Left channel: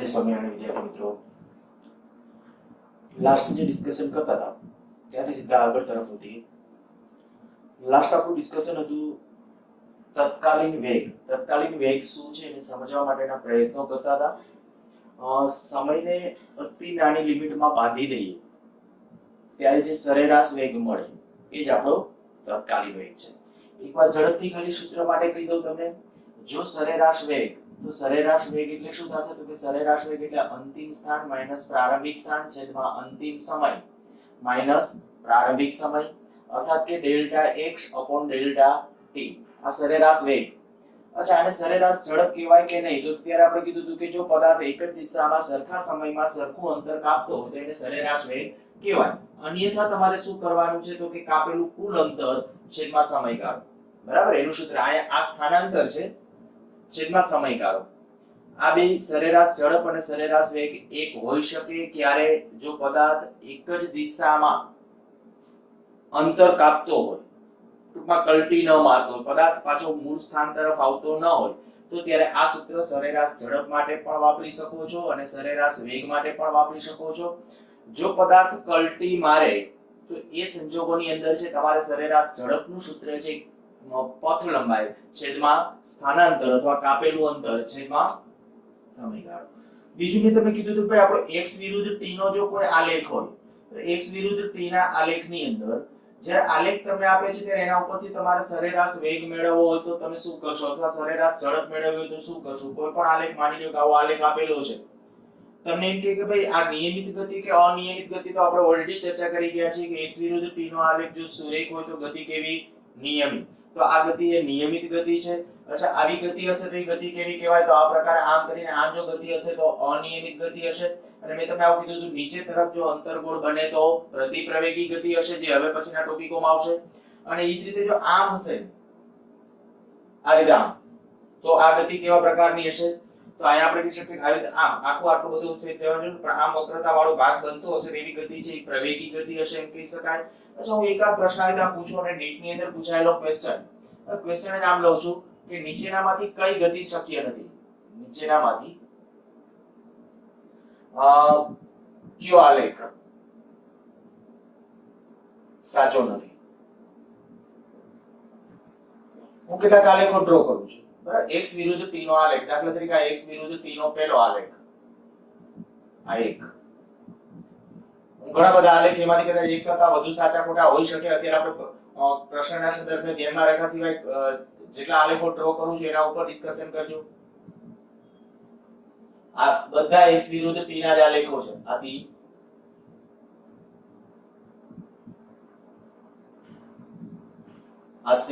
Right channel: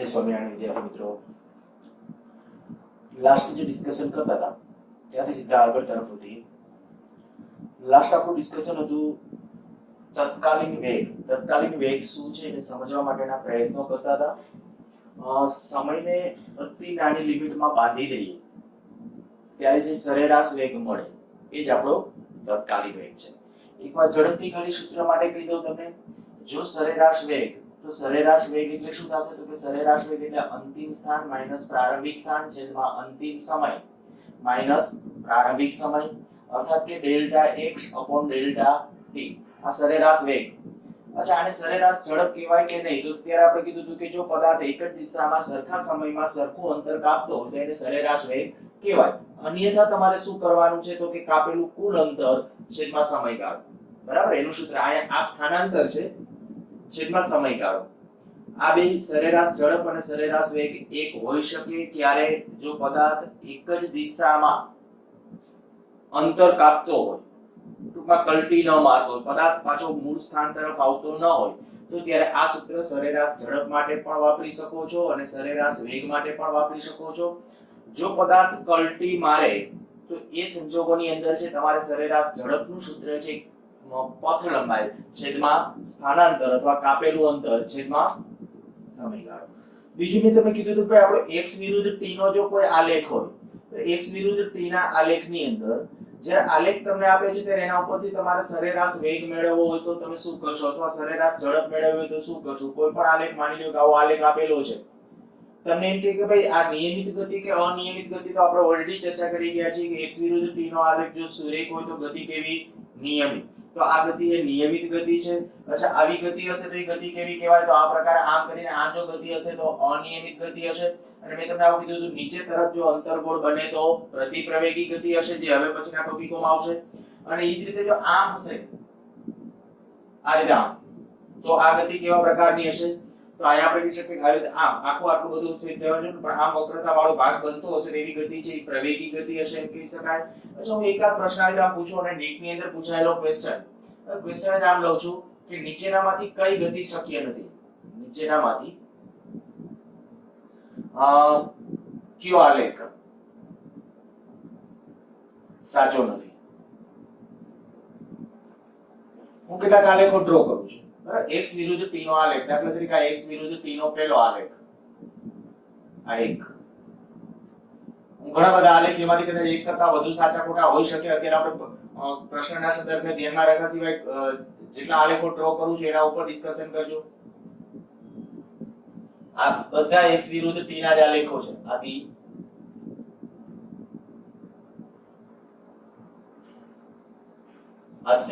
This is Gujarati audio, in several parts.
જય સ્વામિનારાયણ વિદ્યાર્થી મિત્રો, લાસ્ટ જે ડિસ્કશન કરતા હતા ત્યાંથી સીધા આગળ તરફ હતી. લાસ્ટ આપણું ડિસ્કશન હતું તત્કાલીન વેગ. તત્કાલીન વેગ શું છે એને સમજવા માટેના પ્રયત્નો કરતા હતા. સમયને અતિ નાની લિમિટમાં બાંધી દઈએ ત્યારે જે સરેરાશ વેગ મળે એ જ આપણો તત્કાલીન વેગ છે. એકવાર ઝડપથી ખાલી સૂત્ર માટે કહી દઉં તમને. જો સરેરાશ વેગ, તો સરેરાશ વેગ એટલે શું થશે? તો કે સરેરાશ વેગ એટલે અંતિમ સ્થાન માઈનસ પ્રારંભિક સ્થાન છેદમાં અંતિમ સમય માઈનસ પ્રારંભિક સમય, અર્થાત કે delta x upon delta t. આ સરેરાશ વેગ. અચ્છા, આને સરેરાશ ઝડપ કહેવાય કે નહીં? તો ત્યારે આપણે કીધું હતું કે જો પદાર્થ એક જ દિશામાં સરખા સમયમાં સરખું અંતર કાપતો હોય તો એને સરેરાશ વેગ કહેવાય. અન્યથા તમારે શું કરવાનું છે? તો કે કાપેલું કુલ અંતર છેદમાં સમયગાળો. બરાબર, એનું સૂત્ર આ સ્થાનાંતર છે છેદમાં સમયગાળો. આ બે સરેરાશ ઝડપ અને સરેરાશ વેગ એક હોઈ શકે ક્યારે? જો પદાર્થ એક જ દિશામાં અંતર કાપતો હોય, ટૂંકમાં કલ્ટી ન મારતો હોય, પદાર્થ પાછો મૂળ સ્થાન તરફ આવતો ન હોય, તો ત્યારે આ સૂત્ર સરેરાશ ઝડપ માટે પણ વાપરી શકો છો અને સરેરાશ વેગ માટે પણ વાપરી શકો છો. જો પદાર્થ કલ્ટી મારે તો એ સંજોગોની અંદર છે તમારે સરેરાશ ઝડપનું સૂત્ર છે પથ લંબાઈ છેદમાં સ્થાનાંતર અથવા કાપેલું અંતર છેદમાં સમયગાળો. બીજું મેં તમને કીધું હતું કે આપણો x વિરુદ્ધ t નો જો કોઈ આલેખ હોય તો x વિરુદ્ધ t ના આલેખની અંદર જ્યારે આલેખ તમને આપે છે ત્યારે એના ઉપરથી તમારે સરેરાશ વેગ મેળવવો હોય તો તમે શું કરશો? અથવા સરેરાશ ઝડપ મેળવવી હોય તો શું કરશો? કોઈ પણ આલેખ માની લો કે આવો આલેખ આપેલો છે, તમને એમ કે ભાઈ આ નિયમિત ગતિ કે અનિયમિત ગતિ, તો આપણે ઓલરેડી ચર્ચા કરી ગયા છીએ કે x વિરુદ્ધ t નો આલેખ જો સુરેખ હોય તો ગતિ કેવી? નિયમિત. તો આ ગતિ એ નિયમિત ગતિ છે. અચ્છા, આવી ગતિ હશે તો એ ગતિ કેવી કહેવાય? તો આ પ્રકારે આમ કરીને આમ જો ગતિ હશે તો અનિયમિત ગતિ હશે. અને મેં તમને આવું કીધું હતું નીચે તરફ જો અંતર્ગોળ બને તો પ્રતિપ્રવેગી ગતિ હશે, જે હવે પછીના ટોપિકોમાં આવશે. અને એ જ રીતે જો આમ હશે, આ રીતે આમ, તો આ ગતિ કેવા પ્રકારની હશે? તો અહીંયા આપણે કહી શકીએ આવી રીતે આમ આખું આટલું બધું છે જવાનું, પણ આમ વક્રતા વાળો ભાગ બનતો હશે એવી ગતિ છે, એ પ્રવેગી ગતિ હશે એમ કહી શકાય. અચ્છા, હું એકાદ પ્રશ્ન આવી રીતે પૂછું અને નીટ ની અંદર પૂછાયેલો ક્વેશ્ચન જ આમ લઉં છું કે નીચેનામાંથી કઈ ગતિ શક્ય નથી? નીચેનામાંથી કયો આલેખ સાચો નથી? હું કેટલાક આલેખો ડ્રો કરું છું. બરાબર, x વિરુદ્ધ t નો આલેખ. દાખલા તરીકે આ x વિરુદ્ધ t નો પહેલો આલેખ, આ એક. ઘણા બધા આલેખ એમાંથી કદાચ એક કરતા વધુ સાચા ખોટા હોઈ શકે. અત્યારે આપણે પ્રશ્નના સંદર્ભને ધ્યાનમાં રાખ્યા સિવાય જેટલા આલેખો ડ્રો કરું છું એના ઉપર ડિસ્કશન કરજો. આ બધા x વિરુદ્ધ t ના જ આલેખો છે. આ p, આ c,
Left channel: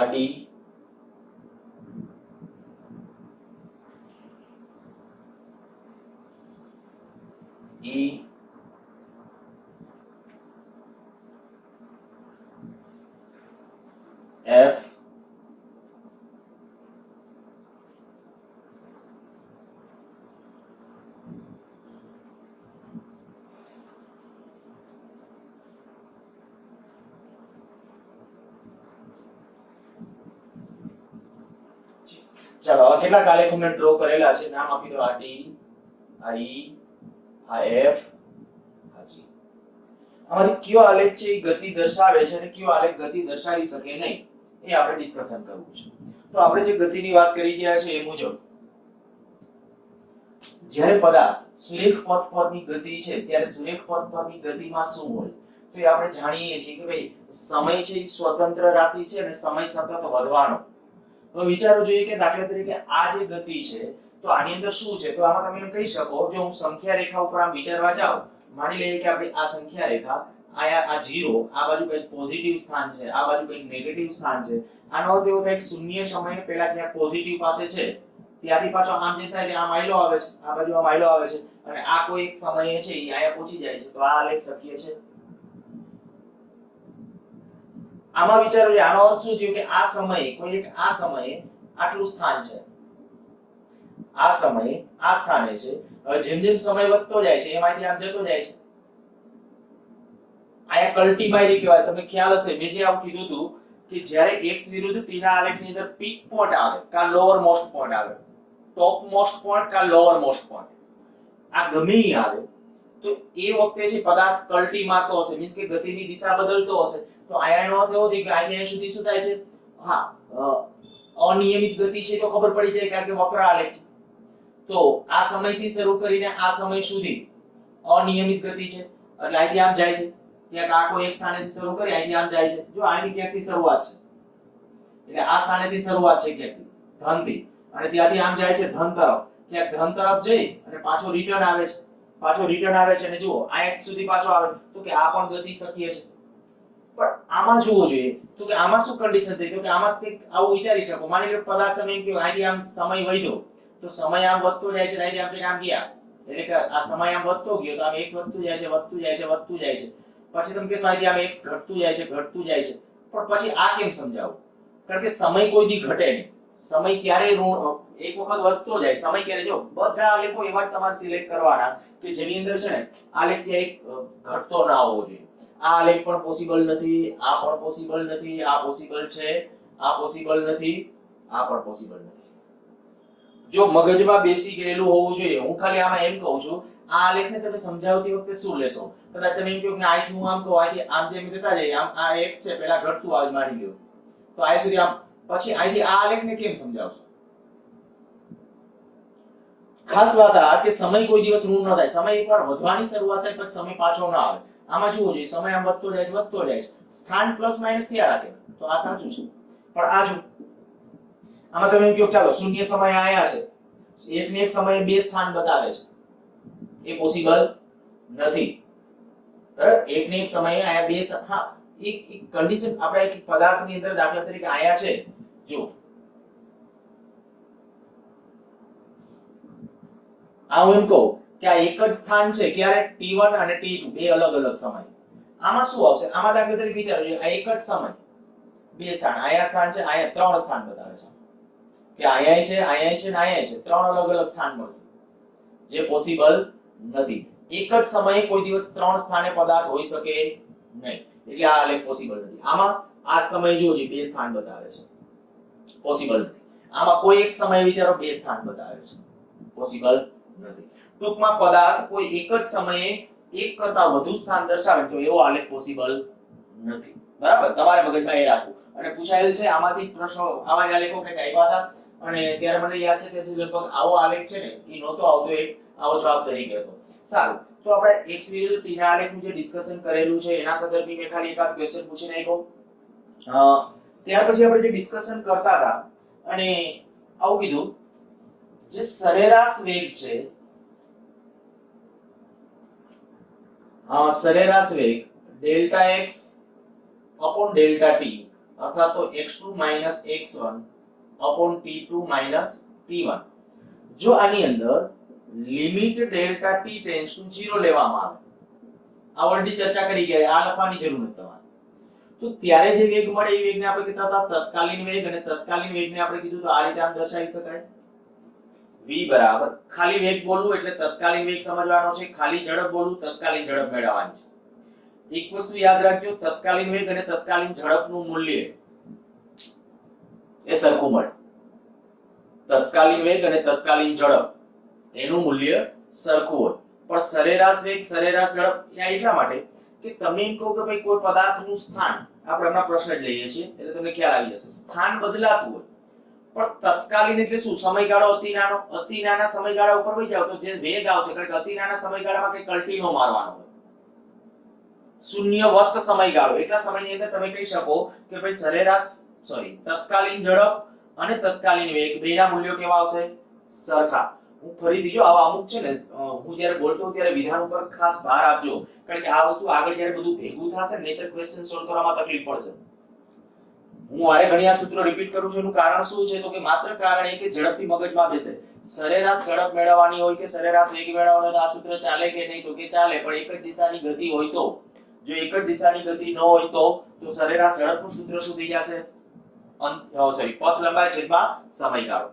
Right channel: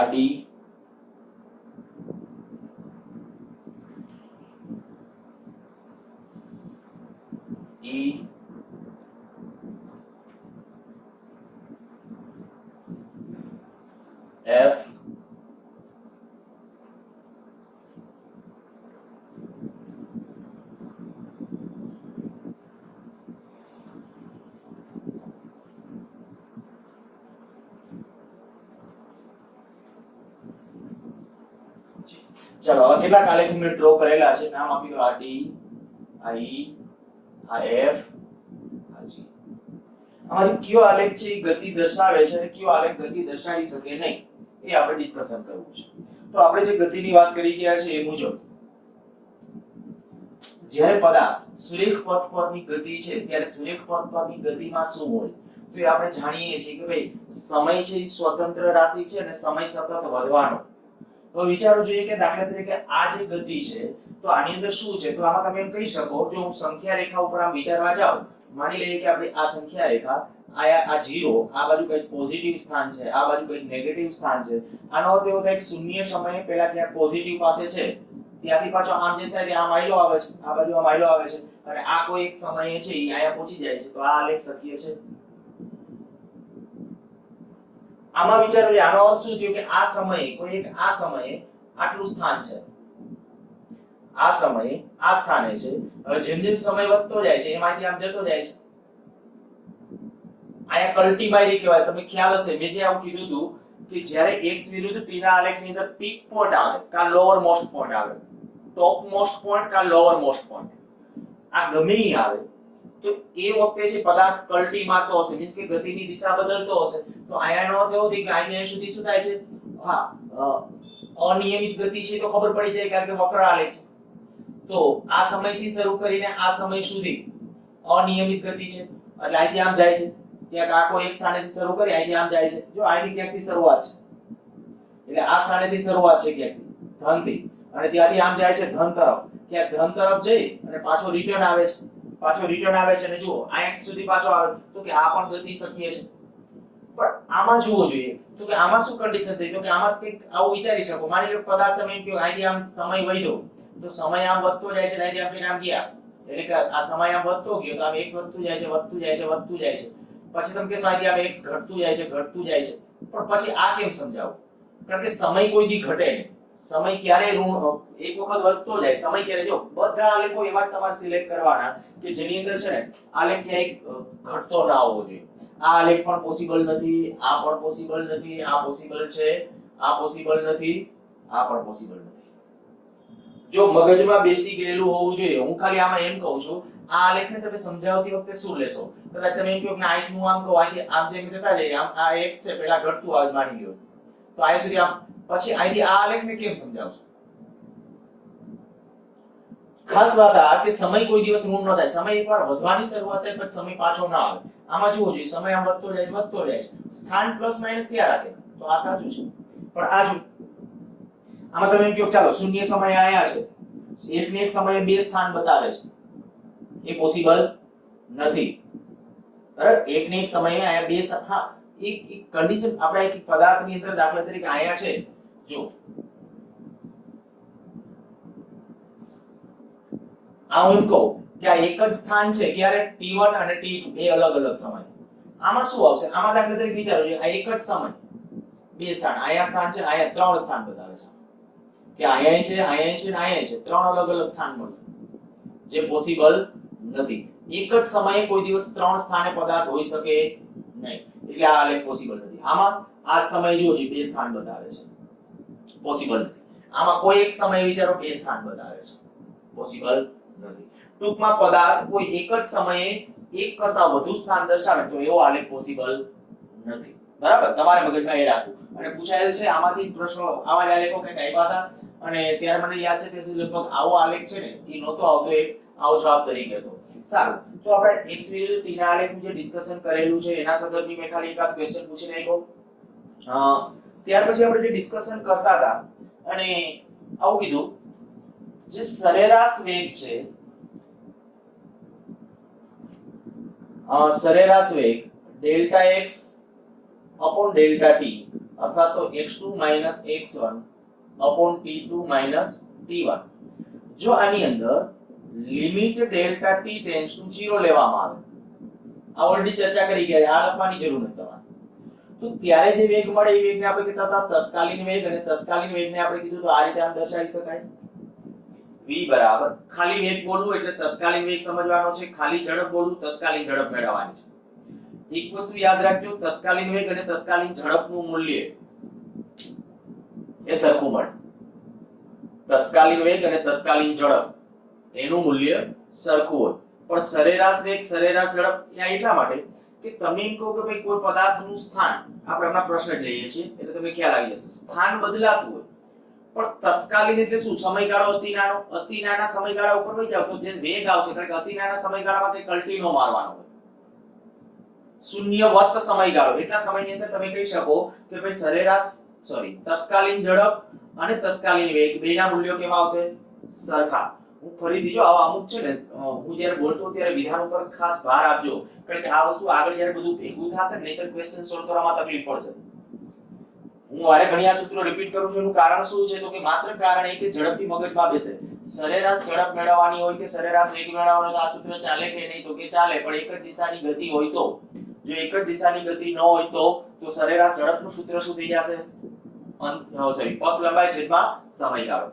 આ d, e, f, ચાલો હવે કેટલાક આલેખો મેં ડ્રો કરેલા છે. નામ આપી દો. આ d, આ e, આ f, આ g. આમાંથી કયો આલેખ છે એ ગતિ દર્શાવે છે અને કયો આલેખ ગતિ દર્શાવી શકે નહીં એ આપણે ડિસ્કશન કરવું છે. તો આપણે જે ગતિની વાત કરી ગયા છે એ મુજબ જ્યારે પદાર્થ સુરેખ પથ પરની ગતિ છે ત્યારે સુરેખ પથ પરની ગતિમાં શું હોય? તો એ આપણે જાણીએ છીએ કે ભાઈ સમય છે એ સ્વતંત્ર રાશિ છે અને સમય સતત વધવાનો. તો વિચારો જોઈએ કે દાખલા તરીકે આ જે ગતિ છે તો આની અંદર શું છે? તો આમાં તમે એમ કહી શકો, જો હું સંખ્યા રેખા ઉપર આમ વિચારવા જાઉં, માની લઈએ કે આપણી આ સંખ્યા રેખા, આ 0, આ બાજુ કંઈક પોઝિટિવ સ્થાન છે, આ બાજુ કંઈક નેગેટિવ સ્થાન છે. આનો અર્થ એવો થાય કે શૂન્ય સમયે પહેલા ક્યાંક પોઝિટિવ પાસે છે, ત્યાંથી પાછો આમ જતા રહે, આમ આયલો આવે છે, આ બાજુ આમ આયલો આવે છે, અને આ કોઈ એક સમયે છે એ આયા પહોંચી જાય છે. તો આ આલેખ શક્ય છે? આમાં વિચારો, આનો અર્થ શું થયો કે આ સમયે કોઈ એક આ સમયે આટલું સ્થાન છે, આ સમયે આ સ્થાને છે. હવે જેમ જેમ સમય વધતો જાય છે એમાંથી આમ જતો જાય છે. આયા કલ્ટીમાયરી કહેવાય. તમને ખ્યાલ હશે મેં જે આવું કીધું હતું કે જ્યારે x વિરુદ્ધ t ના આલેખની અંદર પીક પોઈન્ટ આવે કા લોઅર મોસ્ટ પોઈન્ટ આવે, ટોપ મોસ્ટ પોઈન્ટ કા લોઅર મોસ્ટ પોઈન્ટ, આ ગમે ઈ આવે તો એ વખતે છે પદાર્થ કલ્ટી મારતો હશે, મીન્સ કે ગતિની દિશા બદલતો હશે. તો આયાનો અર્થ એવો થાય કે અહીંયા સુધી શું થાય છે, હા અનિયમિત ગતિ છે તો ખબર પડી જાય કારણ કે વક્ર આલેખ છે. તો આ સમયથી શરૂ કરીને આ સમય સુધી અનિયમિત ગતિ છે એટલે અહીંથી આમ જાય છે, ક્યાંક આ કોઈ એક સ્થાનેથી શરૂ કરી અહીંથી આમ જાય છે. જો અહીંથી ક્યાંકથી શરૂઆત છે એટલે આ સ્થાનેથી શરૂઆત છે ક્યાંકથી ધનથી, અને ત્યાંથી આમ જાય છે ધન તરફ, ક્યાંક ધન તરફ જઈ અને પાછો રિટર્ન આવે છે, પાછો રિટર્ન આવે છે. અને જુઓ અહીંયા સુધી પાછો આવે તો કે આ પણ ગતિ શક્ય છે. પણ આમાં જોવો જોઈએ તો કે આમાં શું કન્ડિશન થઈ, તો કે આમાં કંઈક આવું વિચારી શકો, માની લો પદાર્થ તમે એમ કહો અહીંથી આમ સમય વધ્યો તો સમય આમ વધતો જાય છે, અહીંથી આમ ગયા એટલે કે આ સમય આમ વધતો ગયો તો આમ x વધતું જાય છે વધતું જાય છે વધતું જાય છે. પછી તમે કહેશો અહીંથી આમ x ઘટતું જાય છે ઘટતું જાય છે. પણ પછી આ કેમ સમજાવું, કારણ કે સમય કોઈ દી ઘટે નહીં, સમય ક્યારે ઋણ એક વખત વધતો જાય, સમય ક્યારે, જો બધા આલેખો એવા તમારે સિલેક્ટ કરવાના કે જેની અંદર છે ને આલેખ ક્યાંય ઘટતો ના હોવો જોઈએ. આ આલેખ પણ પોસિબલ નથી, આ પણ પોસિબલ નથી, આ પોસિબલ છે, આ પોસિબલ નથી, આ પણ પોસિબલ નથી. જો મગજમાં બેસી ગયેલું હોવું જોઈએ. હું ખાલી આમાં એમ કહું છું આ આલેખને તમે સમજાવતી વખતે શું લેશો, કદાચ તમે એમ કહો કે અહીંથી હું આમ કહું અહીંથી આમ જેમ જતા જઈએ આમ આ x છે પહેલા ઘટતું આવે માની લ્યો તો આ સુધી આમ, પછી અહીંથી આ આલેખને કેમ સમજાવશો. ખાસ વાત આ કે સમય કોઈ દિવસ ઋણ ન થાય, સમય એકવાર વધવાની શરૂઆત થાય પછી સમય પાછો ના આવે. આમાં જુઓ જોઈએ સમય આમ વધતો જાય છે વધતો જાય છે, સ્થાન પ્લસ માઈનસ ક્યાં રાખે તો આ સાચું છે. પણ આ જો આમાં તમે એમ કહો ચાલો શૂન્ય સમય આયા છે, એક ને એક સમયે બે સ્થાન બતાવે છે, એ પોસિબલ નથી. બરાબર, એક ને એક સમયે આયા બે સ્થાન, હા એક કન્ડિશન આપણે એક પદાર્થની અંદર દાખલા તરીકે આયા છે, જો આ હું એમ કહું કે આ એક જ સ્થાન છે ક્યારે t1 અને t2 બે અલગ અલગ સમય. આમાં શું આવશે, આમાં દાખલા તરીકે વિચારો આ એક જ સમય બે સ્થાન, આયા સ્થાન છે આયા ત્રણ સ્થાન બતાવે છે કે આયા છે આયા છે અને આયા છે, ત્રણ અલગ અલગ સ્થાન મળશે જે પોસિબલ નથી. એક જ સમયે કોઈ દિવસ ત્રણ સ્થાને પદાર્થ હોઈ શકે નહીં એટલે આ આલેખ પોસિબલ નથી. આમાં આ સમય જોજો બે સ્થાન બતાવે છે, પોસિબલ નથી. આમાં કોઈ એક સમયે વિચારો બે સ્થાન બતાવે છે, પોસિબલ નથી. ટૂંકમાં પદાર્થ કોઈ એક જ સમયે એક કરતા વધુ સ્થાન દર્શાવે તો એવો આલેખ પોસિબલ નથી. બરાબર, તમારે મગજમાં એ રાખવું. અને પૂછાયેલ છે આમાંથી પ્રશ્નો આવા જ આલેખો કે આવ્યા હતા અને ત્યારે મને યાદ છે કે લગભગ આવો આલેખ છે ને એ નહોતો આવતો, એક આવો જવાબ તરીકે હતો. સારું, તો આપણે x વિરુદ્ધ t ના આલેખનું જે ડિસ્કશન કરેલું છે એના સંદર્ભમાં મેં ખાલી એકાદ ક્વેશ્ચન પૂછી નાખ્યો. ત્યાર પછી આપણે જે ડિસ્કશન કરતા હતા અને આવું કીધું જે સરેરાશ વેગ છે, સરેરાશ વેગ delta x upon delta t અર્થાત તો x2 x1 upon t2 t1, જો આની અંદર limit delta t tends to 0 લેવામાં આવે, આ ઓલરેડી ચર્ચા કરી ગયા, આ લખવાની જરૂર નથી તમારે. તો ત્યારે જે વેગ મળે એ વેગને આપણે કહેતા હતા તત્કાલીન વેગ, અને તત્કાલીન વેગને આપણે કીધું તો આ રીતે આમ દર્શાવી શકાય v બરાબર, ખાલી વેગ બોલવું એટલે તત્કાલીન વેગ સમજવાનો છે, ખાલી ઝડપ બોલવું તત્કાલીન ઝડપ મેળવવાની છે. એક વસ્તુ યાદ રાખજો, તત્કાલીન વેગ અને તત્કાલીન ઝડપનું મૂલ્ય એ સરખું મળે. તત્કાલીન વેગ અને તત્કાલીન ઝડપ એનું મૂલ્ય સરખું હોય, પણ સરેરાશ વેગ સરેરાશ ઝડપ ત્યાં એટલા માટે કે તમે એમ કહો કે ભાઈ કોઈ પદાર્થનું સ્થાન, આપણે હમણાં પ્રશ્ન જ લઈએ છીએ એટલે તમને ખ્યાલ આવી જશે, સ્થાન બદલાતું હોય પણ તત્કાલીન એટલે શું, સમયગાળો અતિ નાના સમયગાળા ઉપર વહી જાવ તો જે વેગ આવશે, કારણ કે અતિ નાના સમયગાળામાં કઈ કલ્ટી નો મારવાનો હોય, શૂન્યવત સમયગાળો એટલા સમયની અંદર તમે કહી શકો કે ભાઈ સરેરાશ તત્કાલીન ઝડપ અને તત્કાલીન વેગ બેના મૂલ્યો કેવા આવશે, સરખા. હું ફરીથી જો આવા અમુક છે ને હું જ્યારે બોલતો ત્યારે વિધાન ઉપર ખાસ ભાર આપજો, કારણ કે આ વસ્તુ આગળ જ્યારે બધું ભેગું થશે ને નહીતર ક્વેશ્ચન સોલ્વ કરવામાં તકલીફ પડશે. હું વારે ઘણી આ સૂત્રો રિપીટ કરું છું, એનું કારણ શું છે તો કે માત્ર કારણ એ કે ઝડપથી મગજમાં બેસે. સરેરાશ ઝડપ મેળવવાની હોય કે સરેરાશ વેગ મેળવવાનો હોય તો આ સૂત્ર ચાલે કે નહીં તો કે ચાલે, પણ એક જ દિશાની ગતિ હોય તો, જો એક જ દિશાની ગતિ ન હોય તો સરેરાશ ઝડપનું સૂત્ર શું થઈ જશે, પથ લંબાઈ છેદમાં સમયગાળો.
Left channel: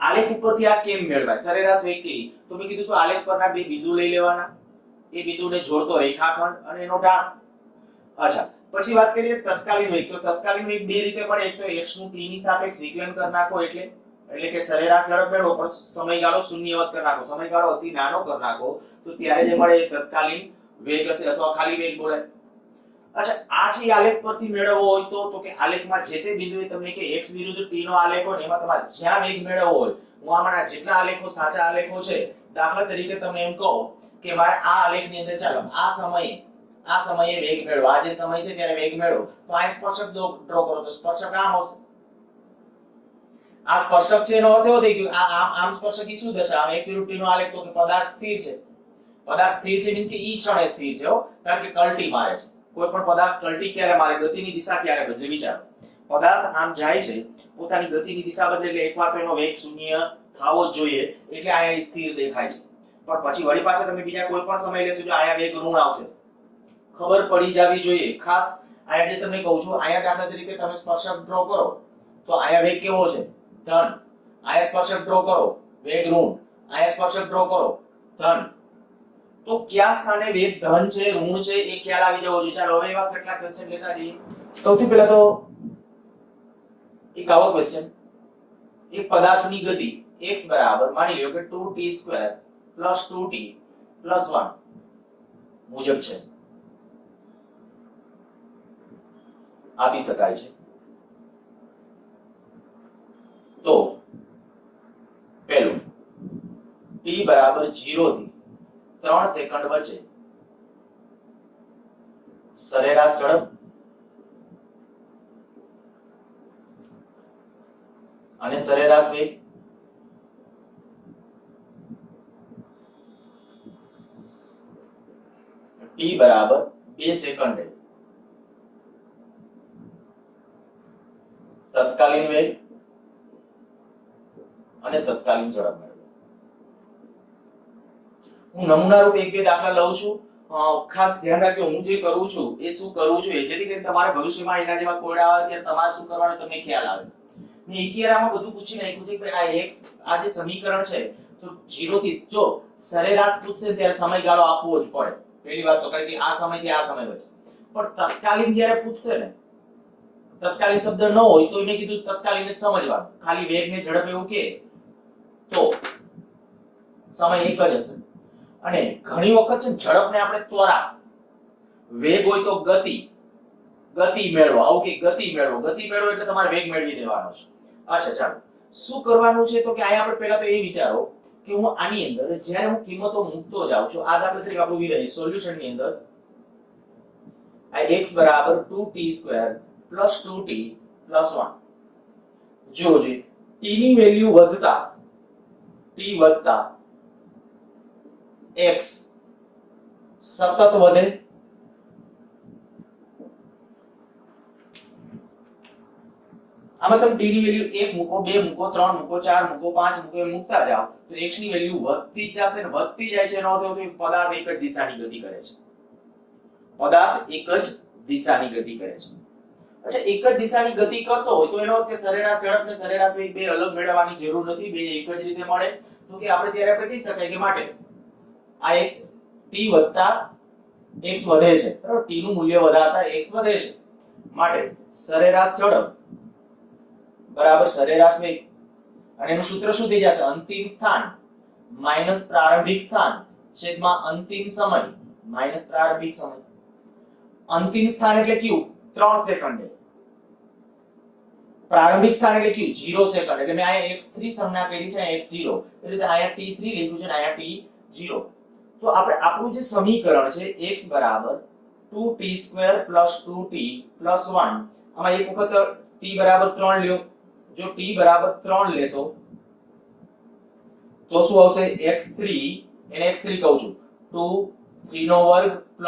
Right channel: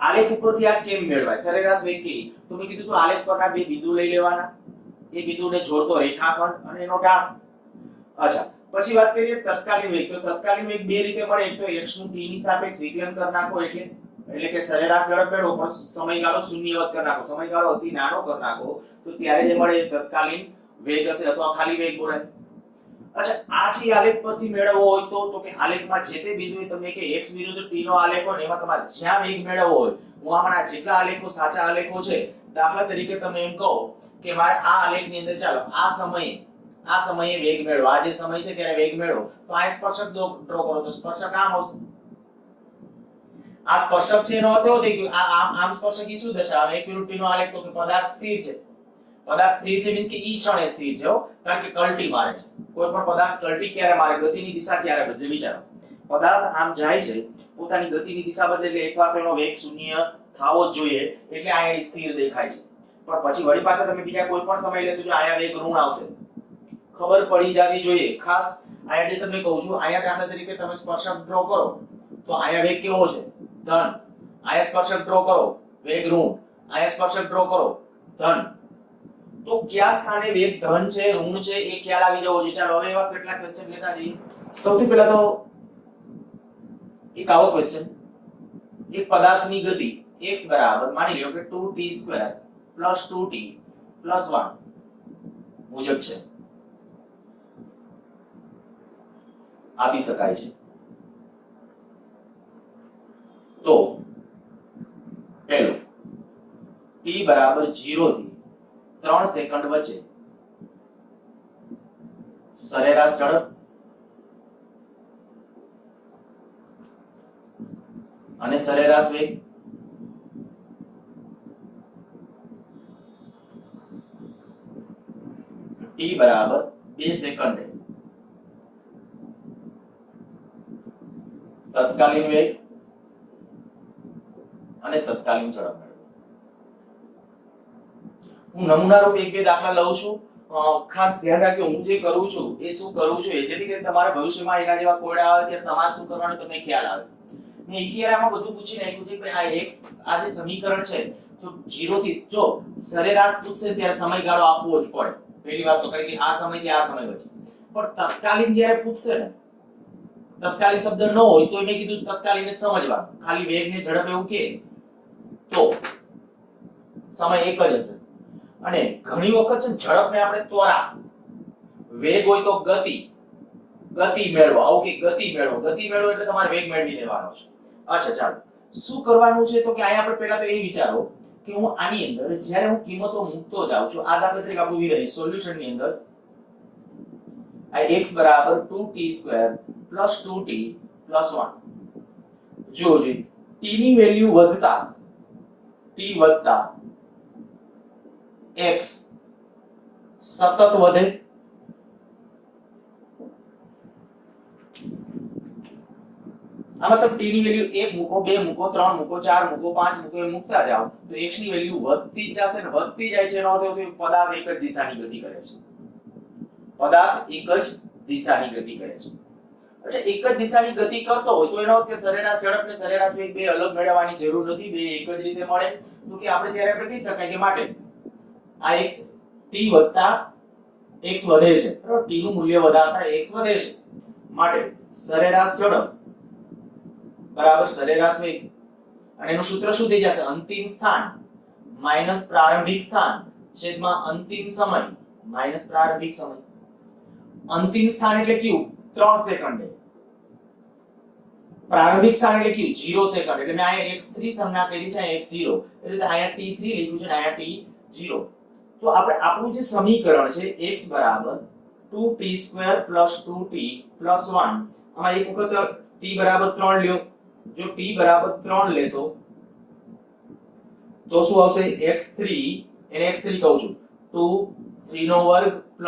આલેખ ઉપરથી આ કેમ મેળવાય, સરેરાશ વેગ કે તો મેં કીધું તો આલેખ પરના બે બિંદુ લઈ લેવાના, એ બિંદુને જોડતો રેખાખંડ અને એનો ઢાળ. અચ્છા, પછી વાત કરીએ તત્કાલીન વેગ. તો તત્કાલીન વેગ બે રીતે મળે. એક તો x નું t ની સાપેક્ષ વિકલન કરી નાખો એટલે કે સરેરાશ ઝડપ મેળવો, પણ સમયગાળો શૂન્યવત કરી નાખો, સમયગાળો અતિ નાનો કરી નાખો, તો ત્યારે જે મળે એ તત્કાલીન વેગ હશે અથવા ખાલી વેગ બોલાય. અચ્છા, આ જે આલેખ પરથી મેળવવો હોય તો કે આલેખમાં જે તે બિંદુએ તમને કે x વિરુદ્ધ t નો આલેખ હોય ને એમાં તમારે જ્યાં વેગ મેળવવો હોય, હું આમાંના જેટલા આલેખો સાચા આલેખો છે, દાખલા તરીકે તમે એમ કહો કે મારે આ આલેખની અંદર ચાલો આ સમયે વેગ મેળવો, આ જે સમય છે ત્યારે વેગ મેળવો, તો આ સ્પર્શક ડ્રો કરો. તો સ્પર્શક આમ આવશે. આ સ્પર્શક છે એનો અર્થ એવો થઈ ગયો આમ સ્પર્શક ઈ શું દર્શાવે? x વિરુદ્ધ t નો આલેખ. તો કે પદાર્થ સ્થિર છે. પદાર્થ સ્થિર છે મીન્સ કે ઈ ક્ષણે સ્થિર છે, કારણ કે કલ્ટી મારે છે. કોઈ પણ પદાર્થ કલ્ટી ક્યારે મારે? ગતિની દિશા ક્યારે બદલે? વિચારો, પદાર્થ આમ જાય છે, પોતાની ગતિની દિશા બદલે એટલે એકવાર તો એનો વેગ શૂન્ય થવો જ જોઈએ, એટલે આ સ્થિર દેખાય છે. પણ પછી વળી પાછા તમે બીજા કોઈ પણ સમય લેશો જો આયા વેગ ઋણ આવશે, ખબર પડી જાવી જોઈએ. ખાસ આયા જે તમને કહું છું, આયા દાખલા તરીકે તમે સ્પર્શક ડ્રો કરો તો આયા વેગ કેવો છે? ધન. આયા સ્પર્શક ડ્રો કરો, વેગ ઋણ. આયા સ્પર્શક ડ્રો કરો, ધન. તો કયા સ્થાને વેગ ધન છે ઋણ છે એ ખ્યાલ આવી જવો જોઈએ. ચાલો હવે એવા કેટલા ક્વેશ્ચન લેતા જઈએ. સૌથી પહેલા તો એક આવો ક્વેશ્ચન, એક પદાર્થની ગતિ x બરાબર માની લ્યો કે 2t² + 2t + 1 મુજબ છે, આપી શકાય છે. તો પહેલું t બરાબર 0 થી 3 સેકન્ડ વચ્ચે સરેરાશ ઝડપ અને સરેરાશ વેગ t બરાબર 2 સેકન્ડે તત્કાલીન વેગ અને તત્કાલીન ઝડપ મેળવો. હું નમૂનારૂપ એક બે દાખલા લઉં છું. ખાસ ધ્યાન રાખજો, હું જે કરું છું એ શું કરું છું, એ જેથી કરીને તમારે ભવિષ્યમાં એના જેવા કોયડા આવે ત્યારે તમારે શું કરવાનું તમને ખ્યાલ આવે. મેં એકીરામાં બધું પૂછી નાખ્યું છે કે આ x આ જે સમીકરણ છે તો 0 થી જો સરેરાશ પૂછશે ત્યારે સમયગાળો આપવો જ પડે. પહેલી વાત તો કારણ કે આ સમયથી આ સમય વચ્ચે. પણ તત્કાલીન જ્યારે પૂછશે ને, તત્કાલીન શબ્દ ન હોય તો મેં કીધું તત્કાલીન જ સમજવાનું. ખાલી વેગ ને ઝડપ એવું કે તો સમય એક જ હશે. અને ઘણી વખત છે ઝડપને આપણે ત્વરા, વેગ હોય તો ગતિ મેળવો, આવું કે ગતિ મેળવો એટલે તમારે વેગ મેળવી દેવાનો છે. અચ્છા ચાલો શું કરવાનું છે તો કે અહીંયા આપણે પહેલા તો એ વિચારો કે હું આની અંદર જ્યારે હું કિંમતો મૂકતો જાઉં છું, આ દાખલા તરીકે આપણું વિધેય સોલ્યુશન ની અંદર આ x બરાબર 2t² + 2t + 1 જો t ની વેલ્યુ વધતા t વધતા x સતત વધે, આમાં તમે t ની વેલ્યુ 1 મૂકો, 2 મૂકો, 3 મૂકો, 4 મૂકો, 5 મૂકો, એમ મૂકતા જાઓ તો x ની વેલ્યુ વધતી જ જશે ને વધતી જાય છે. એનો અર્થ એ કે પદાર્થ એક જ દિશાની ગતિ કરે છે. પદાર્થ એક જ દિશાની ગતિ કરે છે. અચ્છા, એક જ દિશાની ગતિ કરતો હોય તો એનો અર્થ કે સરેરાશ ઝડપ ને સરેરાશ વેગ બે અલગ મેળવવાની જરૂર નથી, બે એક જ રીતે મળે. તો કે આપણે ત્યારે આપણે કહી શકાય કે માટે આ એક t વધતા x વધે છે, બરાબર? t નું મૂલ્ય વધારતા x વધે છે, માટે સરેરાશ ઝડપ બરાબર સરેરાશ વેગ, અને એનું સૂત્ર શું થઈ જશે? અંતિમ સ્થાન માઈનસ પ્રારંભિક સ્થાન છેદમાં અંતિમ સમય માઈનસ પ્રારંભિક સમય. અંતિમ સ્થાન એટલે કયું? 3 સેકન્ડે. પ્રારંભિક સ્થાન એટલે કયું? 0 સેકન્ડ. એટલે મેં અહીંયા x3 સંજ્ઞા કરી છે, અહીંયા x0 એટલે અહીંયા t3 લખ્યું છે અને અહીંયા t0. તો આપણે આપણું જે સમીકરણ છે x બરાબર 2t² + 2t + 1, આમાં એક વખત t બરાબર 3 લ્યો. જો t બરાબર 3 લેશો તો શું આવશે? x3 એને x3 કહું છું 2 3 નો વર્ગ +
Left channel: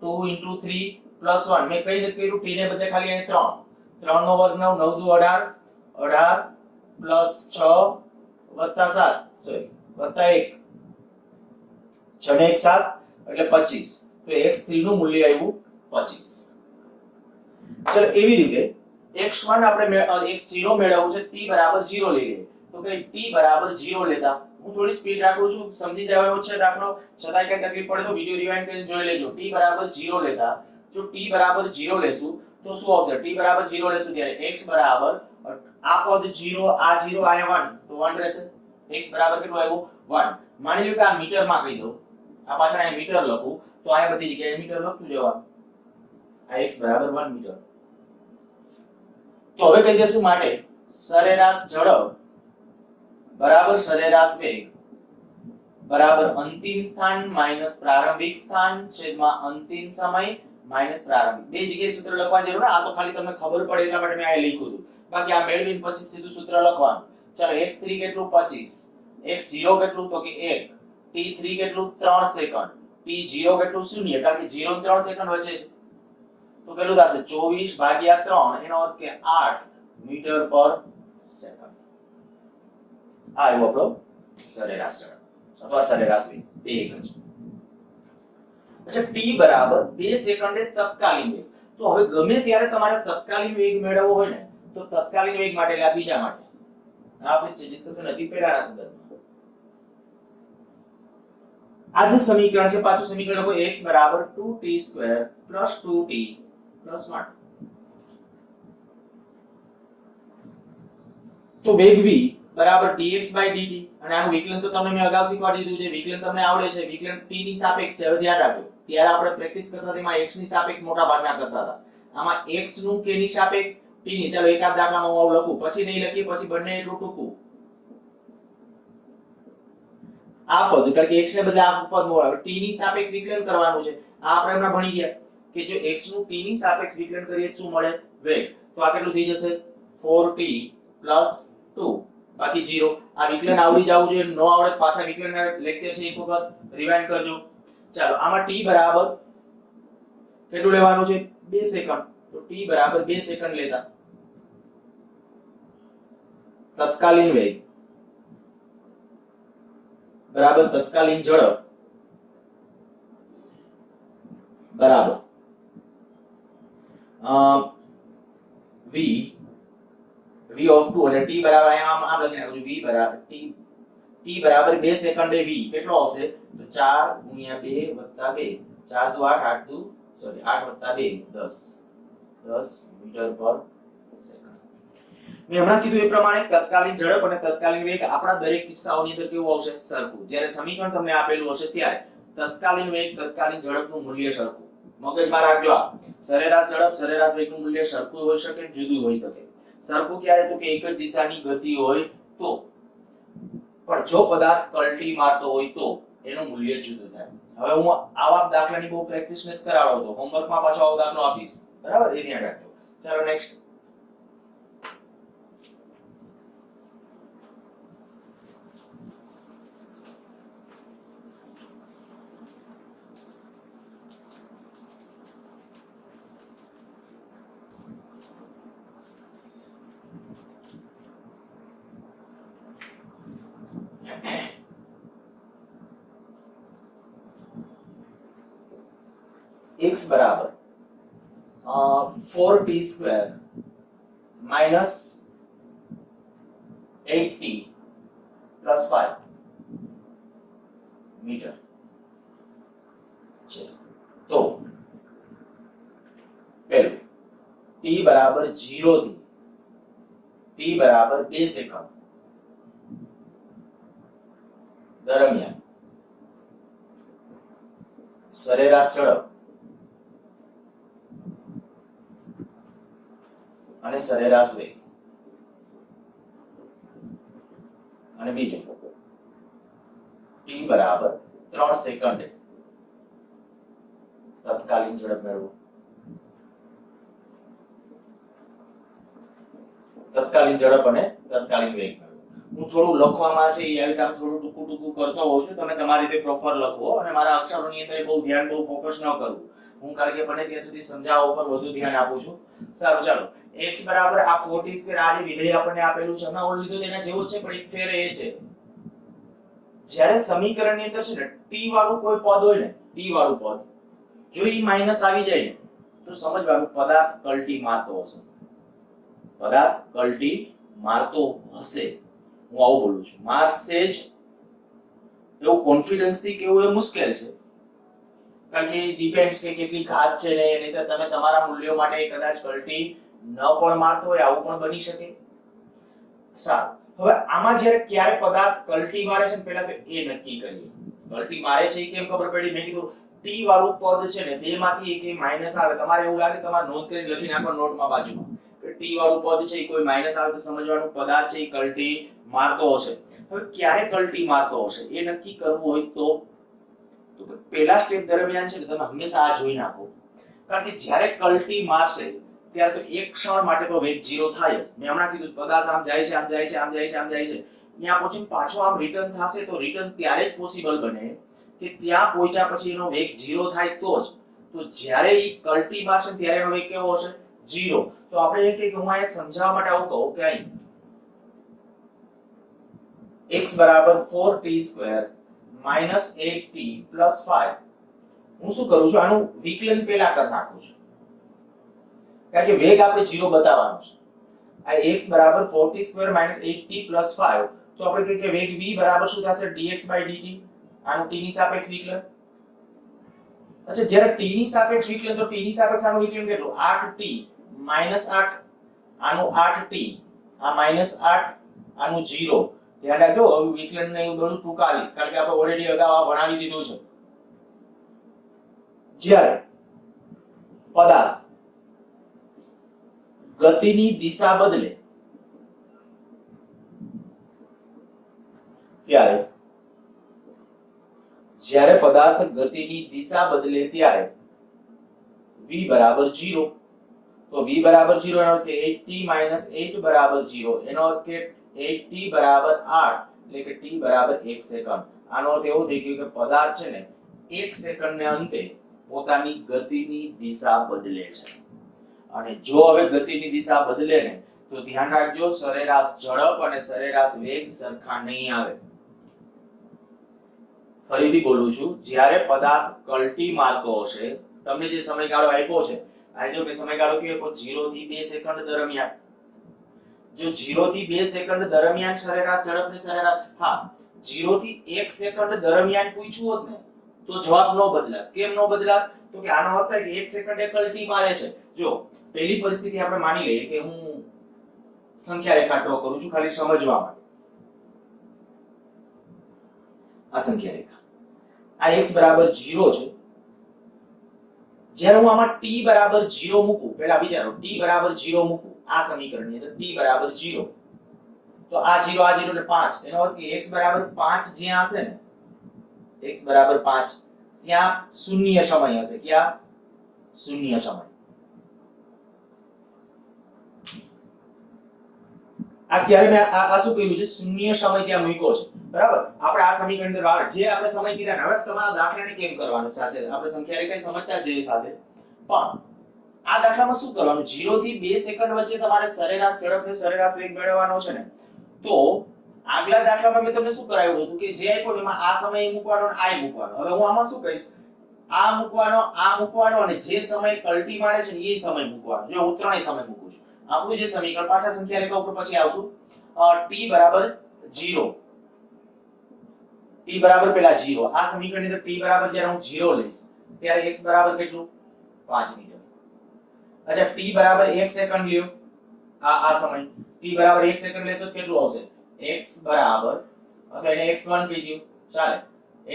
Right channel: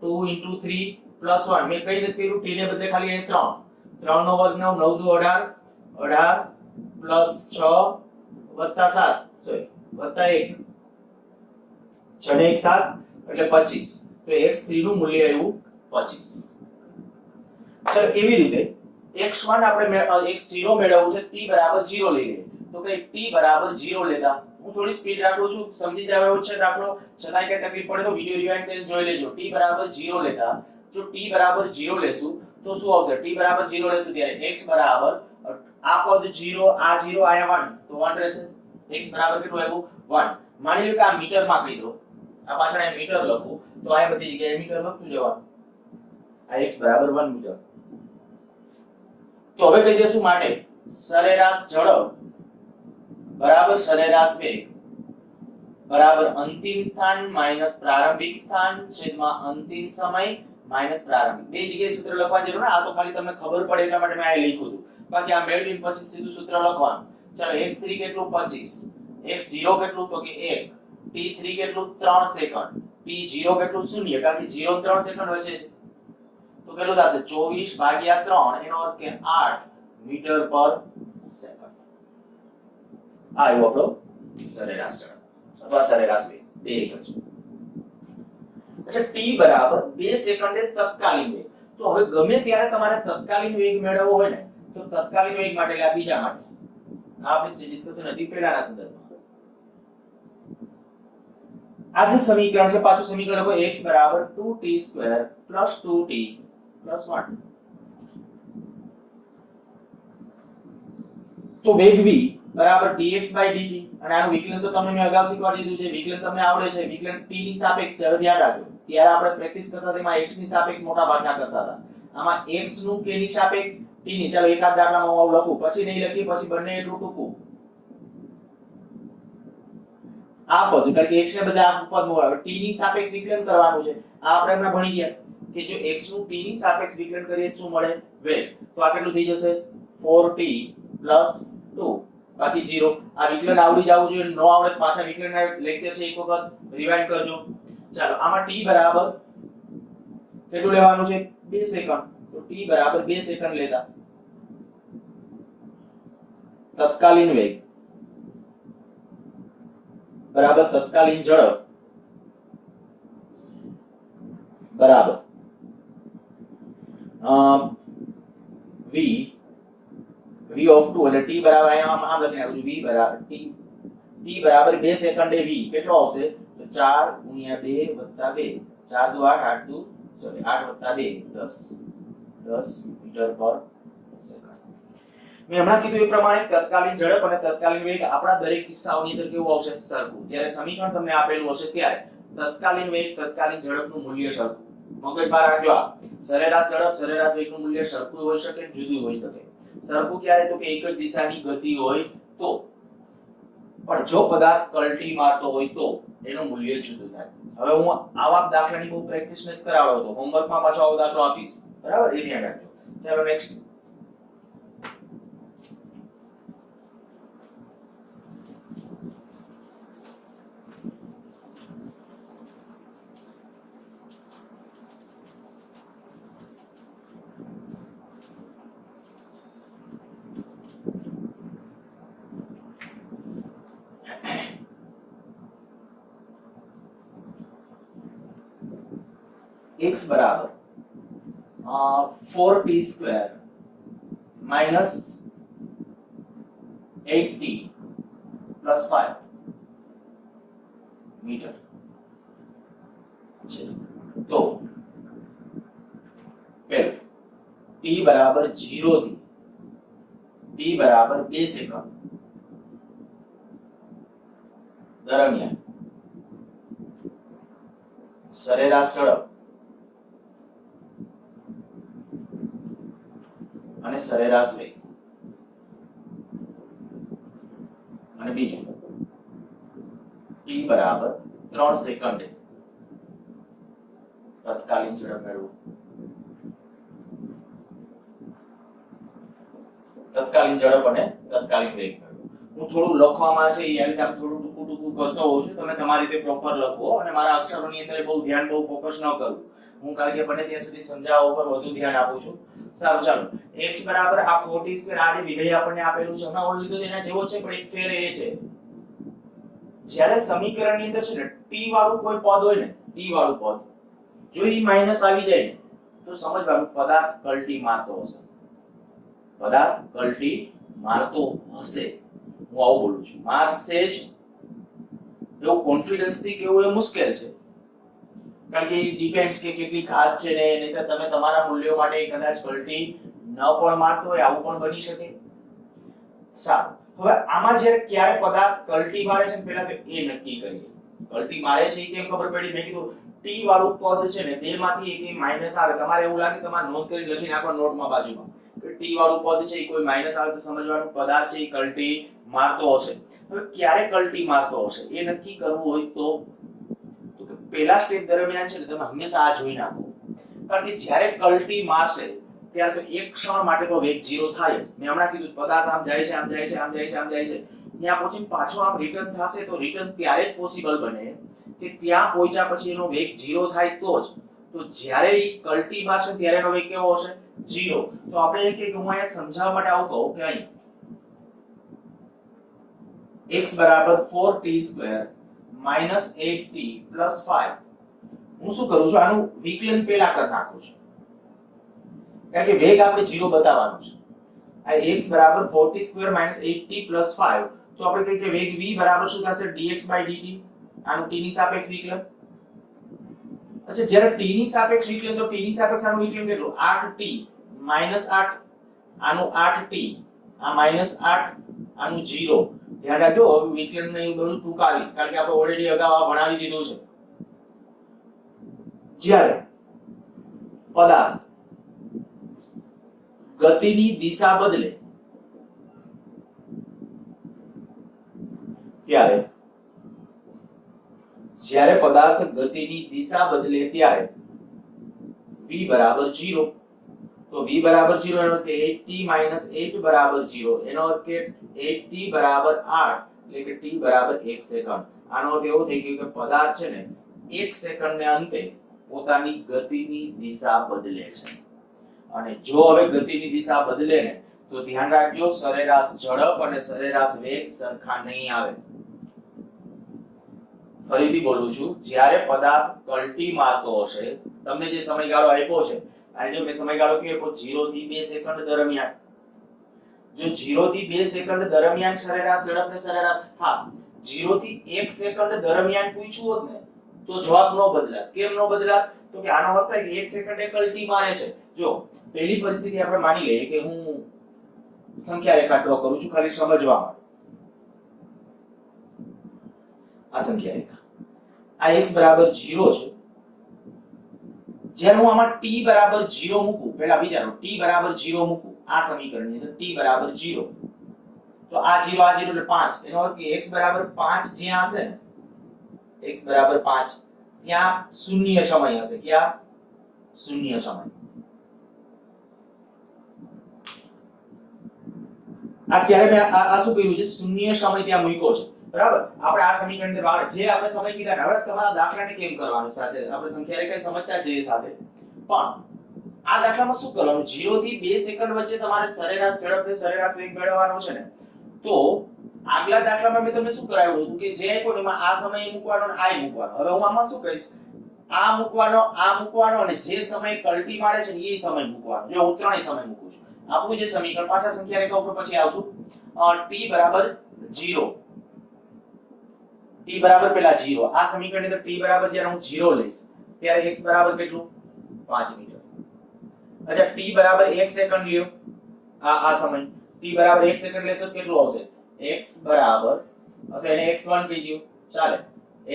2 * 3 + 1. મેં કઈ નથી કર્યું, t ને બદલે ખાલી અહીંયા 3 3 નો વર્ગ 9 9 દુ 18 18 + 6 + 7 સોરી +1 6 ને 1 7 એટલે 25. તો x3 નું મૂલ્ય આવ્યું 25. ચલો એવી રીતે x1 આપણે x0 મેળવવું છે, t બરાબર 0 લઈ લઈએ તો કે t બરાબર 0 લેતા. હું થોડી સ્પીડ રાખું છું, સમજી જાવ એવો છે દાખલો, છતાંય કઈ તકલીફ પડે તો વિડિયો રિવાઇન્ડ કરીને જોઈ લેજો. t બરાબર 0 લેતા, જો t બરાબર 0 લેશું તો શું આવશે? t બરાબર 0 લેશું ત્યારે x બરાબર આ પદ 0, આ 0, આયા 1, તો 1 રહેશે. x બરાબર કેટલું આવ્યું? 1. માની લો કે આ મીટર માં કહી દો, આ પાછળ આ મીટર લખું તો આ બધી જગ્યાએ મીટર લખતું જવાનું. આ x બરાબર 1 મીટર. તો હવે કહી દેશું માટે સરેરાશ ઝડપ બરાબર સરેરાશ વેગ બરાબર અંતિમ સ્થાન માઈનસ પ્રારંભિક સ્થાન છેદમાં અંતિમ સમય માઈનસ પ્રારંભિક. બે જગ્યાએ સૂત્ર લખવા જરૂર, આ તો ખાલી તમને ખબર પડે એટલા માટે મેં આ લખ્યું હતું. બાકી આ મેળવીને પછી સીધું સૂત્ર લખવાનું. ચાલો x3 કેટલું? 25. x0 કેટલું? તો કે 1. t3 કેટલું? 3 સેકન્ડ. t0 કેટલું? 0, કારણ કે 0 અને 3 સેકન્ડ વચ્ચે છે. તો કેટલું થશે? 24 ભાગ્યા 3, એનો અર્થ કે 8 મીટર પર સેકન્ડ. આ આવ્યો આપણો સરેરાશ ઝડપ અથવા સરેરાશ વેગ. બે એક જ. અચ્છા, t બરાબર 2 સેકન્ડે તત્કાલીન વેગ. તો હવે ગમે ત્યારે તમારે તત્કાલીન વેગ મેળવવો હોય ને, તો તત્કાલીન વેગ માટે એટલે આ બીજા માટે આ આપણી જે ડિસ્કશન હતી પહેલાના સંદર્ભમાં. આ જે સમીકરણ છે, પાછું સમીકરણ લખો x બરાબર 2t² + 2t + 1. તો વેગ v બરાબર dx/dt, અને આનું વિકલન તો તમને મેં અગાઉ શીખવાડી દીધું છે. વિકલન તમને આવડે છે. વિકલન t ની સાપેક્ષ છે. હવે ધ્યાન રાખજો, ત્યારે આપણે પ્રેક્ટિસ કરતા તેમાં x ની સાપેક્ષ મોટા ભાગના કરતા હતા. આમાં x નું k ની સાપેક્ષ t ની. ચાલો એકાદ દાખલામાં હું આવું લખું, પછી નહીં લખી, પછી બંને એટલું ટૂંકું. આ પદ કારણ કે x ને બદલે આ પદ આવે, t ની સાપેક્ષ વિકલન કરવાનું છે. આ આપણે હમણાં ભણી ગયા કે જો x નું t ની સાપેક્ષ વિકલન કરીએ તો શું મળે? વેગ. તો આ કેટલું થઈ જશે? 4t + 2 બાકી 0. આ વિકલન આવડી જવું જોઈએ. નો આવડે પાછા વિકલનના લેક્ચર છે, એક વખત રિવાઇન્ડ કરજો. ચાલો, આમાં t બરાબર કેટલું લેવાનું છે? 2 સેકન્ડ. તો t બરાબર 2 સેકન્ડ લેતા તત્કાલીન વેગ બરાબર તત્કાલીન ઝડપ બરાબર v of 2 અને t બરાબર અહીંયા આમ લખી નાખું છું. v બરાબર t બરાબર 2 સેકન્ડે v કેટલો આવશે? તો 4 × 2 + 2, 4 × 2 = 8 + 2 10 મીટર પર સેકન્ડ. મેં હમણાં કીધું એ પ્રમાણે તત્કાલીન ઝડપ અને તત્કાલીન વેગ આપણા દરેક કિસ્સાઓની અંદર કેવું આવશે? સરખું. જ્યારે સમીકરણ તમને આપેલું હશે ત્યારે તત્કાલીન વેગ તત્કાલીન ઝડપનું મૂલ્ય સરખું. મગજમાં રાખજો, આ સરેરાશ ઝડપ સરેરાશ વેગનું મૂલ્ય સરખું હોઈ શકે, જુદું હોઈ શકે. સરખું ક્યારે? તો કે એક જ દિશાની ગતિ હોય તો. પણ જો પદાર્થ કલ્ટી મારતો હોય તો એનું મૂલ્ય જુદું થાય. હવે હું આવા દાખલાની બહુ પ્રેક્ટિસ નથી કરાવતો, હોમવર્કમાં પાછો આવો દાખલો આપીશ, બરાબર? એ ધ્યાન રાખજો. ચાલો નેક્સ્ટ. x બરાબર 4t² - 8t + 5 મીટર છે. તો પહેલું t બરાબર 0 થી t બરાબર 2 સેકન્ડ દરમિયાન સરેરાશ ઝડપ અને સરેરાશ વેગ. અને બીજું t બરાબર 3 સેકન્ડે તત્કાલીન ઝડપ મેળવો. તત્કાલીન ઝડપ અને તત્કાલીન વેગ મેળવો. હું થોડું લખવામાં છે એ આવી રીતે થોડું ટૂંકું ટૂંકું કરતો હોઉં છું. તમે તમારી રીતે પ્રોપર લખો અને મારા અક્ષરોની અંદર બહુ ધ્યાન બહુ ફોકસ ન કરું. હું કારણ કે બને ત્યાં સુધી સમજાવવા ઉપર વધુ ધ્યાન આપું છું. સારું, ચાલો. x બરાબર આ 4t² આ જે વિધેય આપણને આપેલું છે, હમણાં ઓલ લીધું તેના જેવો છે, પણ એક ફેર એ છે જ્યારે સમીકરણની અંદર છે ને t વાળું કોઈ પદ હોય ને, t વાળું પદ જો ઈ માઈનસ આવી જાય ને તો સમજવાનું પદાર્થ કલ્ટી મારતો હશે. પદાર્થ કલ્ટી મારતો હશે. હું આવું બોલું છું, મારશે જ એવું કોન્ફિડન્સ થી કેવું એ મુશ્કેલ છે, કારણ કે ડિપેન્ડ્સ કે કેટલી ઘાત છે ને, નહીતર તમે તમારા મૂલ્યો માટે કદાચ કલ્ટી ન પણ મારતો હોય, આવું પણ બની શકે. સારું, હવે આમાં જ્યારે ક્યારે પદાર્થ કલ્ટી મારે છે પહેલા તો એ નક્કી કરીએ. કલ્ટી મારે છે એ કેમ ખબર પડી? મેં કીધું t વાળું પદ છે ને, બે માંથી એક માઈનસ આવે, તમારે એવું લાગે તમારે નોંધ કરી લખી નાખો નોટમાં બાજુમાં કે t વાળું પદ છે એ કોઈ માઈનસ આવે તો સમજવાનું પદાર્થ છે એ કલ્ટી મારતો હશે. હવે ક્યારે કલ્ટી મારતો હશે એ નક્કી કરવું હોય તો પહેલા સ્ટેપ દરમિયાન છે ને તમે હંમેશા આ જોઈ નાખો, કારણ કે જ્યારે કલ્ટી મારશે ત્યારે તો એક ક્ષણ માટે તો વેગ 0 થાય. મેં હમણાં કીધું પદાર્થ આમ જાય છે, આમ જાય છે, આમ જાય છે, આમ જાય છે, ત્યાં પહોંચીને પાછો આમ રિટર્ન થશે તો રિટર્ન ત્યારે જ પોસિબલ બને કે ત્યાં પહોંચ્યા પછી એનો વેગ 0 થાય તો જ. તો જ્યારે એ કલ્ટી મારશે ત્યારે એનો વેગ કેવો હશે? 0. તો આપણે એક એક હું અહીંયા સમજાવવા માટે આવું કહું કે અહીં x બરાબર 4t² માઈનસ 8t પ્લસ 5. હું શું કરું છું? આનું વિકલન પહેલા કરી નાખું છું, કારણ કે વેગ આપણે 0 બતાવવાનો છે. આ x બરાબર 4t² માઈનસ 8t પ્લસ 5, તો આપણે કહીએ કે વેગ v બરાબર શું થશે? dx/dt. આનું t ની સાપેક્ષ વિકલન. અચ્છા, જ્યારે t ની સાપેક્ષ વિકલન, તો t ની સાપેક્ષ આનું વિકલન કેટલું? 8t માઈનસ 8, આનું 8t, આ માઈનસ 8, આનું 0. ધ્યાન રાખજો, હવે વિકલન ને એવું બધું ટૂંકાવીશ, કારણ કે આપણે ઓલરેડી અગાઉ આ ભણાવી દીધું છે. જ્યારે પદાર્થ ગતિની દિશા બદલે ત્યારે v બરાબર 0. તો v બરાબર 0 એનો અર્થ 8t 8 બરાબર 0, એનો અર્થ કે 8t બરાબર 8, એટલે કે t બરાબર 1 સેકન્ડ. આનો અર્થ એવો થઈ ગયો કે પદાર્થ છે ને 1 સેકન્ડને અંતે પોતાની ગતિની દિશા બદલે છે. અને જો હવે ગતિની દિશા બદલે ને તો ધ્યાન રાખજો, સરેરાશ ઝડપ અને સરેરાશ વેગ સરખા નહીં આવે. ફરીથી બોલું છું, જ્યારે પદાર્થ કલ્ટી મારતો હશે, તમને જે સમયગાળો આપ્યો છે, આ જો મેં સમયગાળો કયો 0 થી 2 સેકન્ડ દરમિયાન, જો 0 થી 2 સેકન્ડ દરમિયાન સરેરાશ ઝડપ ને સરેરાશ, હા 0 થી 1 સેકન્ડ દરમિયાન પૂછ્યું હોત ને તો જવાબ નો બદલાત. કેમ નો બદલાત? તો કે આનો અર્થ થાય કે 1 સેકન્ડે કલ્ટી મારે છે. જો પહેલી પરિસ્થિતિ આપણે માની લઈએ કે હું સંખ્યા રેખા ડ્રો કરું છું ખાલી સમજવા માટે. આ સંખ્યા રેખા, આ x બરાબર 0 છે. જ્યારે હું આમાં t બરાબર 0 મૂકું, પહેલા વિચારો, t બરાબર 0 મૂકું આ સમીકરણની અંદર, t બરાબર 0, તો આ 0 આ 0 એટલે 5. એનો અર્થ કે x બરાબર 5 જ્યાં હશે ને, x બરાબર 5 ત્યાં શૂન્ય સમય હશે. ક્યાં? શૂન્ય સમય. આ ક્યારે મેં આ શું કર્યું છે? શૂન્ય સમય ત્યાં મૂક્યો છે, બરાબર. આપણે આ સમીકરણ અંદર વાળા જે આપણે સમય કીધા ને, હવે તમારા દાખલાને કેમ કરવાનું સાચે આપણે સંખ્યા રેખા સમજતા જઈએ સાથે, પણ આ દાખલામાં શું કરવાનું? 0 થી 2 સેકન્ડ વચ્ચે તમારે સરેરાશ ઝડપ ને સરેરાશ વેગ મેળવવાનો છે ને, તો આગલા દાખલામાં મેં તમને શું કરાવ્યું હતું કે જે આપ્યો એમાં આ સમય મૂકવાનો અને આ મૂકવાનો. હવે હું આમાં શું કહીશ? આ મૂકવાનો અને જે સમય કલ્ટી મારે છે એ સમય મૂકવાનો. જો હું ત્રણેય સમય મૂકું છું. આપણું જે સમીકરણ પાછા સંખ્યા રેખા ઉપર પછી આવશું. t બરાબર 0, t બરાબર પેલા 0. આ સમીકરણની અંદર t બરાબર જ્યારે હું 0 લઈશ ત્યારે x બરાબર કેટલું? 5 મીટર. અચ્છા, t બરાબર 1 સેકન્ડ લ્યો, આ સમય t બરાબર 1 સેકન્ડ લેશો કેટલું આવશે? x બરાબર, અથવા એને x1 કહી દો, ચાલે.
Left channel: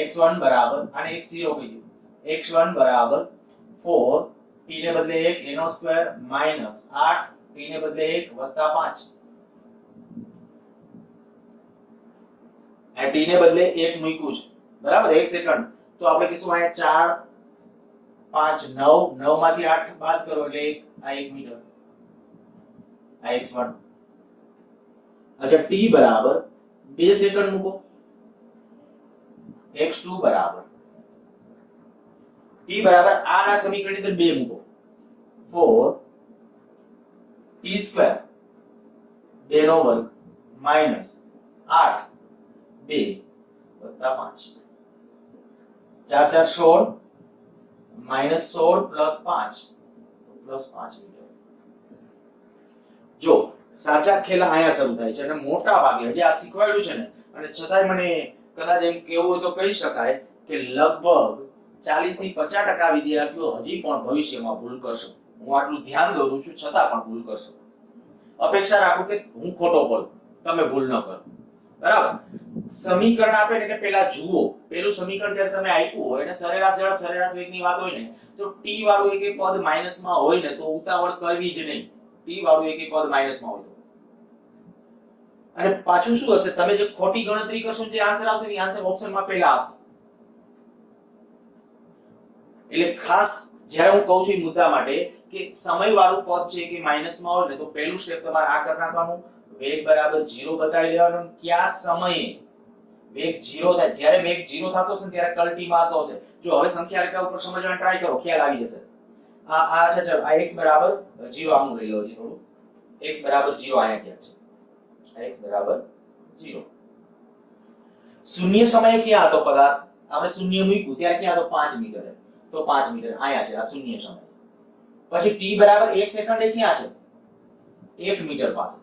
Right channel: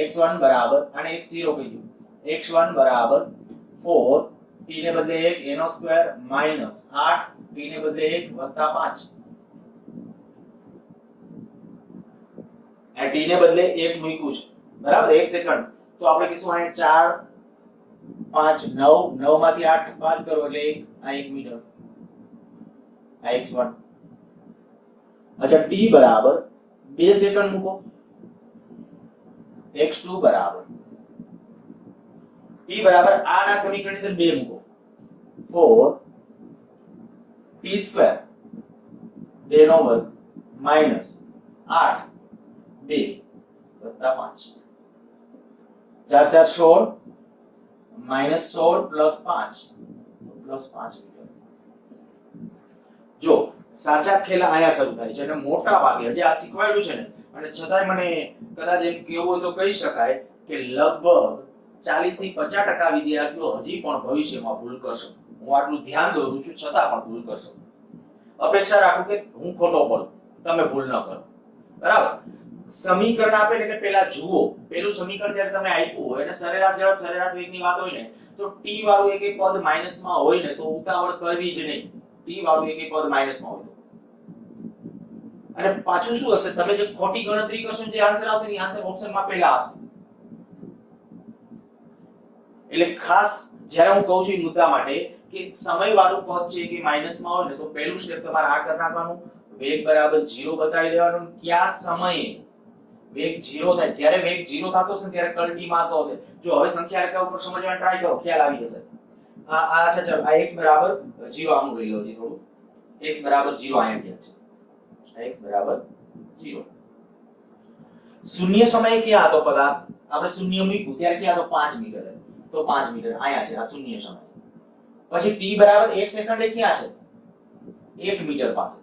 x1 બરાબર અને x0 કહી દો. x1 બરાબર 4, t ને બદલે 1 એનો સ્ક્વેર માઈનસ 8, t ને બદલે 1 વત્તા 5. આ t ને બદલે 1 મૂક્યું છે, બરાબર, 1 સેકન્ડ. તો આપણે કહીશું અહીંયા 4 5 9, 9 માંથી 8 બાદ કરો એટલે 1, આ 1 મીટર, આ x1. अच्छा, t बराबर 2 सेकंड મૂકો, x2 बराबर t बराबर આના સમીકરણની અંદર 2 મૂકો, 4 t² 2 નો વર્ગ માઈનસ 8 2 વત્તા 5, 4 4 16 માઈનસ 16 પ્લસ 5 મીટર. જો સાચા ખેલ અહીંયા શરૂ થાય છે અને મોટા ભાગે જે આ શીખવાડ્યું છે ને, અને છતાંય મને કદાચ એમ કેવું હોય તો કહી શકાય કે લગભગ 40 થી 50% વિદ્યાર્થીઓ હજી પણ ભવિષ્યમાં ભૂલ કરશે. હું આટલું ધ્યાન દોરું છું છતાં પણ ભૂલ કરશે. અપેક્ષા રાખું કે હું ખોટો પડું, તમે ભૂલ ન કરો. બરાબર? સમીકરણ આપે એટલે પહેલા જુઓ. પેલું સમીકરણ જ્યારે તમે આપ્યું હોય અને સરેરાશ ઝડપ સરેરાશ વેગની વાત હોય ને, તો t વાળું એક પદ માઈનસમાં હોય ને તો ઉતાવળ કરવી જ નહીં. t વાળું એક પદ માઈનસમાં હોય અને પાછું શું હશે, તમે જે ખોટી ગણતરી કરશો જે આન્સર આવશે એ આન્સર ઓપ્શનમાં પહેલા હશે. એટલે ખાસ જ્યારે હું કહું છું એ મુદ્દા માટે કે સમય વાળું પદ છે કે માઈનસમાં હોય ને તો પહેલું સ્ટેપ તમારે આ કરી નાખવાનું, વેગ બરાબર 0 બતાવી દેવાનું. કયા સમયે વેગ 0 થાય, જ્યારે વેગ 0 થતો હશે ત્યારે કલ્ટીમાં આવતો હશે. જો હવે સંખ્યા રેખા ઉપર સમજવાનો ટ્રાય કરો, ખ્યાલ આવી જશે. આ છે ચાલો આ x બરાબર 0 આમ લઈ લો જી થોડું. x બરાબર 0 અહીંયા ક્યાં છે? x બરાબર 0. શૂન્ય સમયે ક્યાં હતો પદાર્થ? આપણે શૂન્ય મૂક્યું ત્યારે ક્યાં હતો? 5 મીટર. તો 5 મીટર અહીંયા છે આ શૂન્ય સમય. પછી t બરાબર 1 સેકન્ડે ક્યાં છે? 1 મીટર પાસે.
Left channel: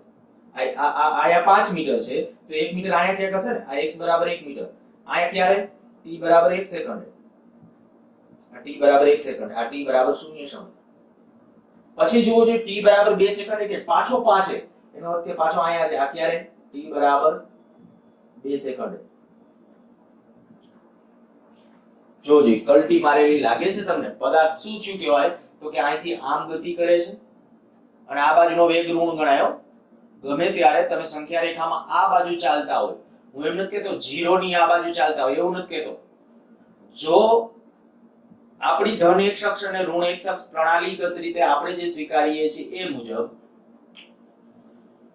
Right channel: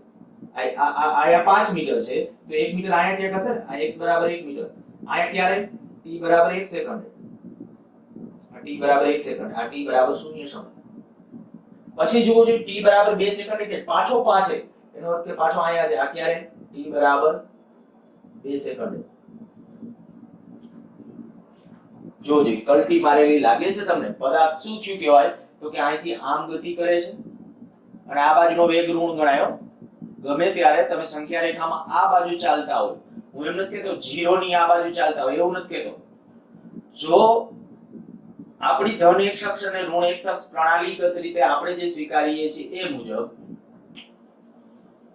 આયા 5 મીટર છે તો 1 મીટર આયા ક્યાંક હશે ને? આ x બરાબર 1 મીટર. આયા ક્યારે? t બરાબર 1 સેકન્ડ. આ t બરાબર 1 સેકન્ડ. આ t બરાબર શૂન્ય સમય. પછી જુઓ જો t બરાબર 2 સેકન્ડ કે પાછો 5 છે, એનો અર્થ કે પાછો આયા છે. આ ક્યારે? t બરાબર 2 સેકન્ડ. જોજો કલ્ટી મારેલી લાગે છે તમને? પદાર્થ શું થયું કહેવાય તો કે અહીંથી આમ ગતિ કરે છે અને આ બાજુનો વેગ ઋણ ગણાયો. ગમે ત્યારે તમે સંખ્યા રેખામાં આ બાજુ ચાલતા હોય, હું એમ નથી કહેતો 0 ની આ બાજુ ચાલતા હોય, એવું નથી કહેતો. જો આપણી ધન x અક્ષ અને ઋણ x અક્ષ પ્રણાલીગત રીતે આપણે જે સ્વીકારીએ છીએ એ મુજબ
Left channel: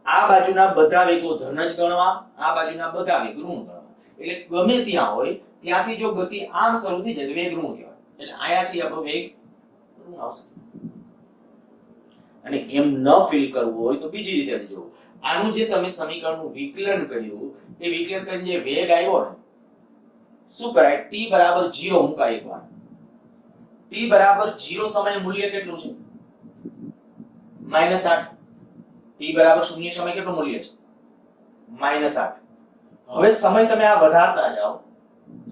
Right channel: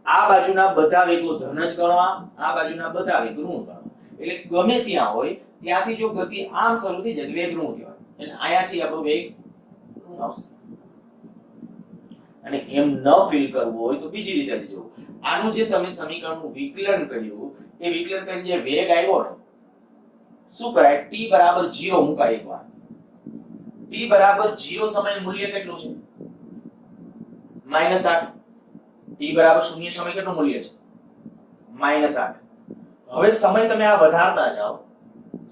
આ બાજુના બધા વેગો ધન જ ગણવા, આ બાજુના બધા વેગ ઋણ ગણવા. એટલે ગમે ત્યાં હોય ત્યાંથી જો ગતિ આમ શરૂ થઈ જાય તો વેગ ઋણ કહેવાય. એટલે આયાથી આપણો વેગ ઋણ આવશે. અને એમ ન ફીલ કરવું હોય તો બીજી રીતે જોવું. આનું જે તમે સમીકરણનું વિકલન કર્યું, એ વિકલન કરીને જે વેગ આવ્યો ને, શું કરાય? t બરાબર 0 મુકાય એકવાર. t બરાબર 0 સમયે મૂલ્ય કેટલું છે? -8. t બરાબર 0 સમય કેટલું મૂલ્ય છે? -8. હવે સમય તમે આ વધારતા જાઓ,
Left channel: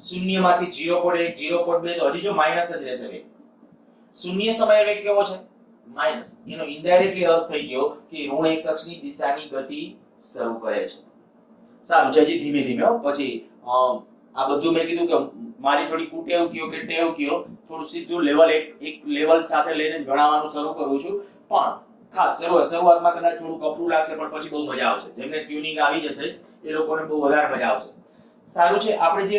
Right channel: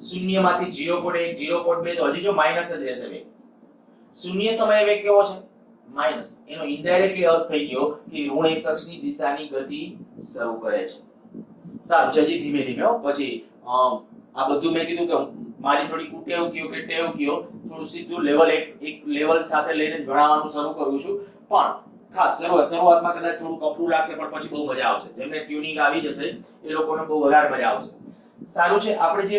0 માંથી 0.1 0.2 તો હજી જો માઈનસ જ રહેશે વેગ. શૂન્ય સમયે વેગ કેવો છે? માઈનસ. એનો ઇનડાયરેક્ટલી અર્થ થઈ ગયો કે ઋણ x અક્ષની દિશાની ગતિ શરૂ કરે છે. સારું જયજી ધીમે ધીમે પછી આ બધું મેં કીધું કે મારી થોડી કુટેવ કયો કે ટેવ કયો, થોડું સીધું લેવલ એક લેવલ સાથે લઈને જ ભણાવવાનું શરૂ કરું છું. પણ ખાસ શરૂઆતમાં કદાચ થોડું કપરું લાગશે પણ પછી બહુ મજા આવશે. જેમને ટ્યુનિંગ આવી જશે એ લોકોને બહુ વધારે મજા આવશે. સારું છે. આપણે જે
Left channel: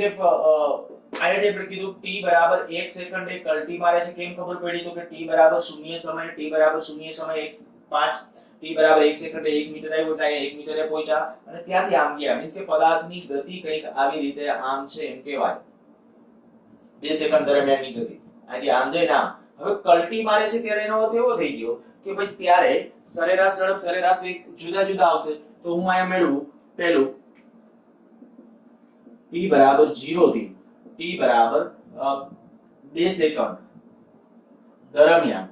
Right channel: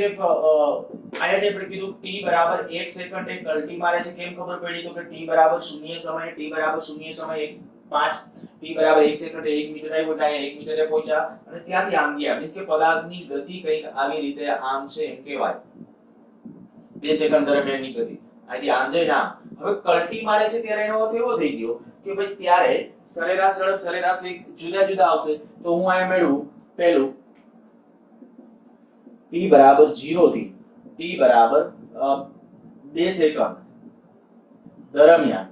આયા જે આપણે કીધું t બરાબર 1 સેકન્ડે કલ્ટી મારે છે. કેમ ખબર પડી? તો કે t બરાબર 0 સમયે t બરાબર 0 સમયે 5 t બરાબર 1 સેકન્ડે 1 મીટર આવ્યો એટલે અહીંયા 1 મીટરે પહોંચ્યા અને ત્યાંથી આમ ગયા. મીન્સ કે પદાર્થની ગતિ કંઈક આવી રીતે આમ છે એમ કહેવાય. 2 સેકન્ડ દરમિયાનની ગતિ અહીંથી આમ જઈને આમ. હવે કલ્ટી મારે છે ત્યારે એનો અર્થ એવો થઈ ગયો કે ભાઈ ત્યારે સરેરાશ ઝડપ સરેરાશ વેગ જુદા જુદા આવશે. તો હું અહીંયા મેળવું પહેલું t બરાબર 0 થી t બરાબર 2 સેકન્ડ દરમિયાન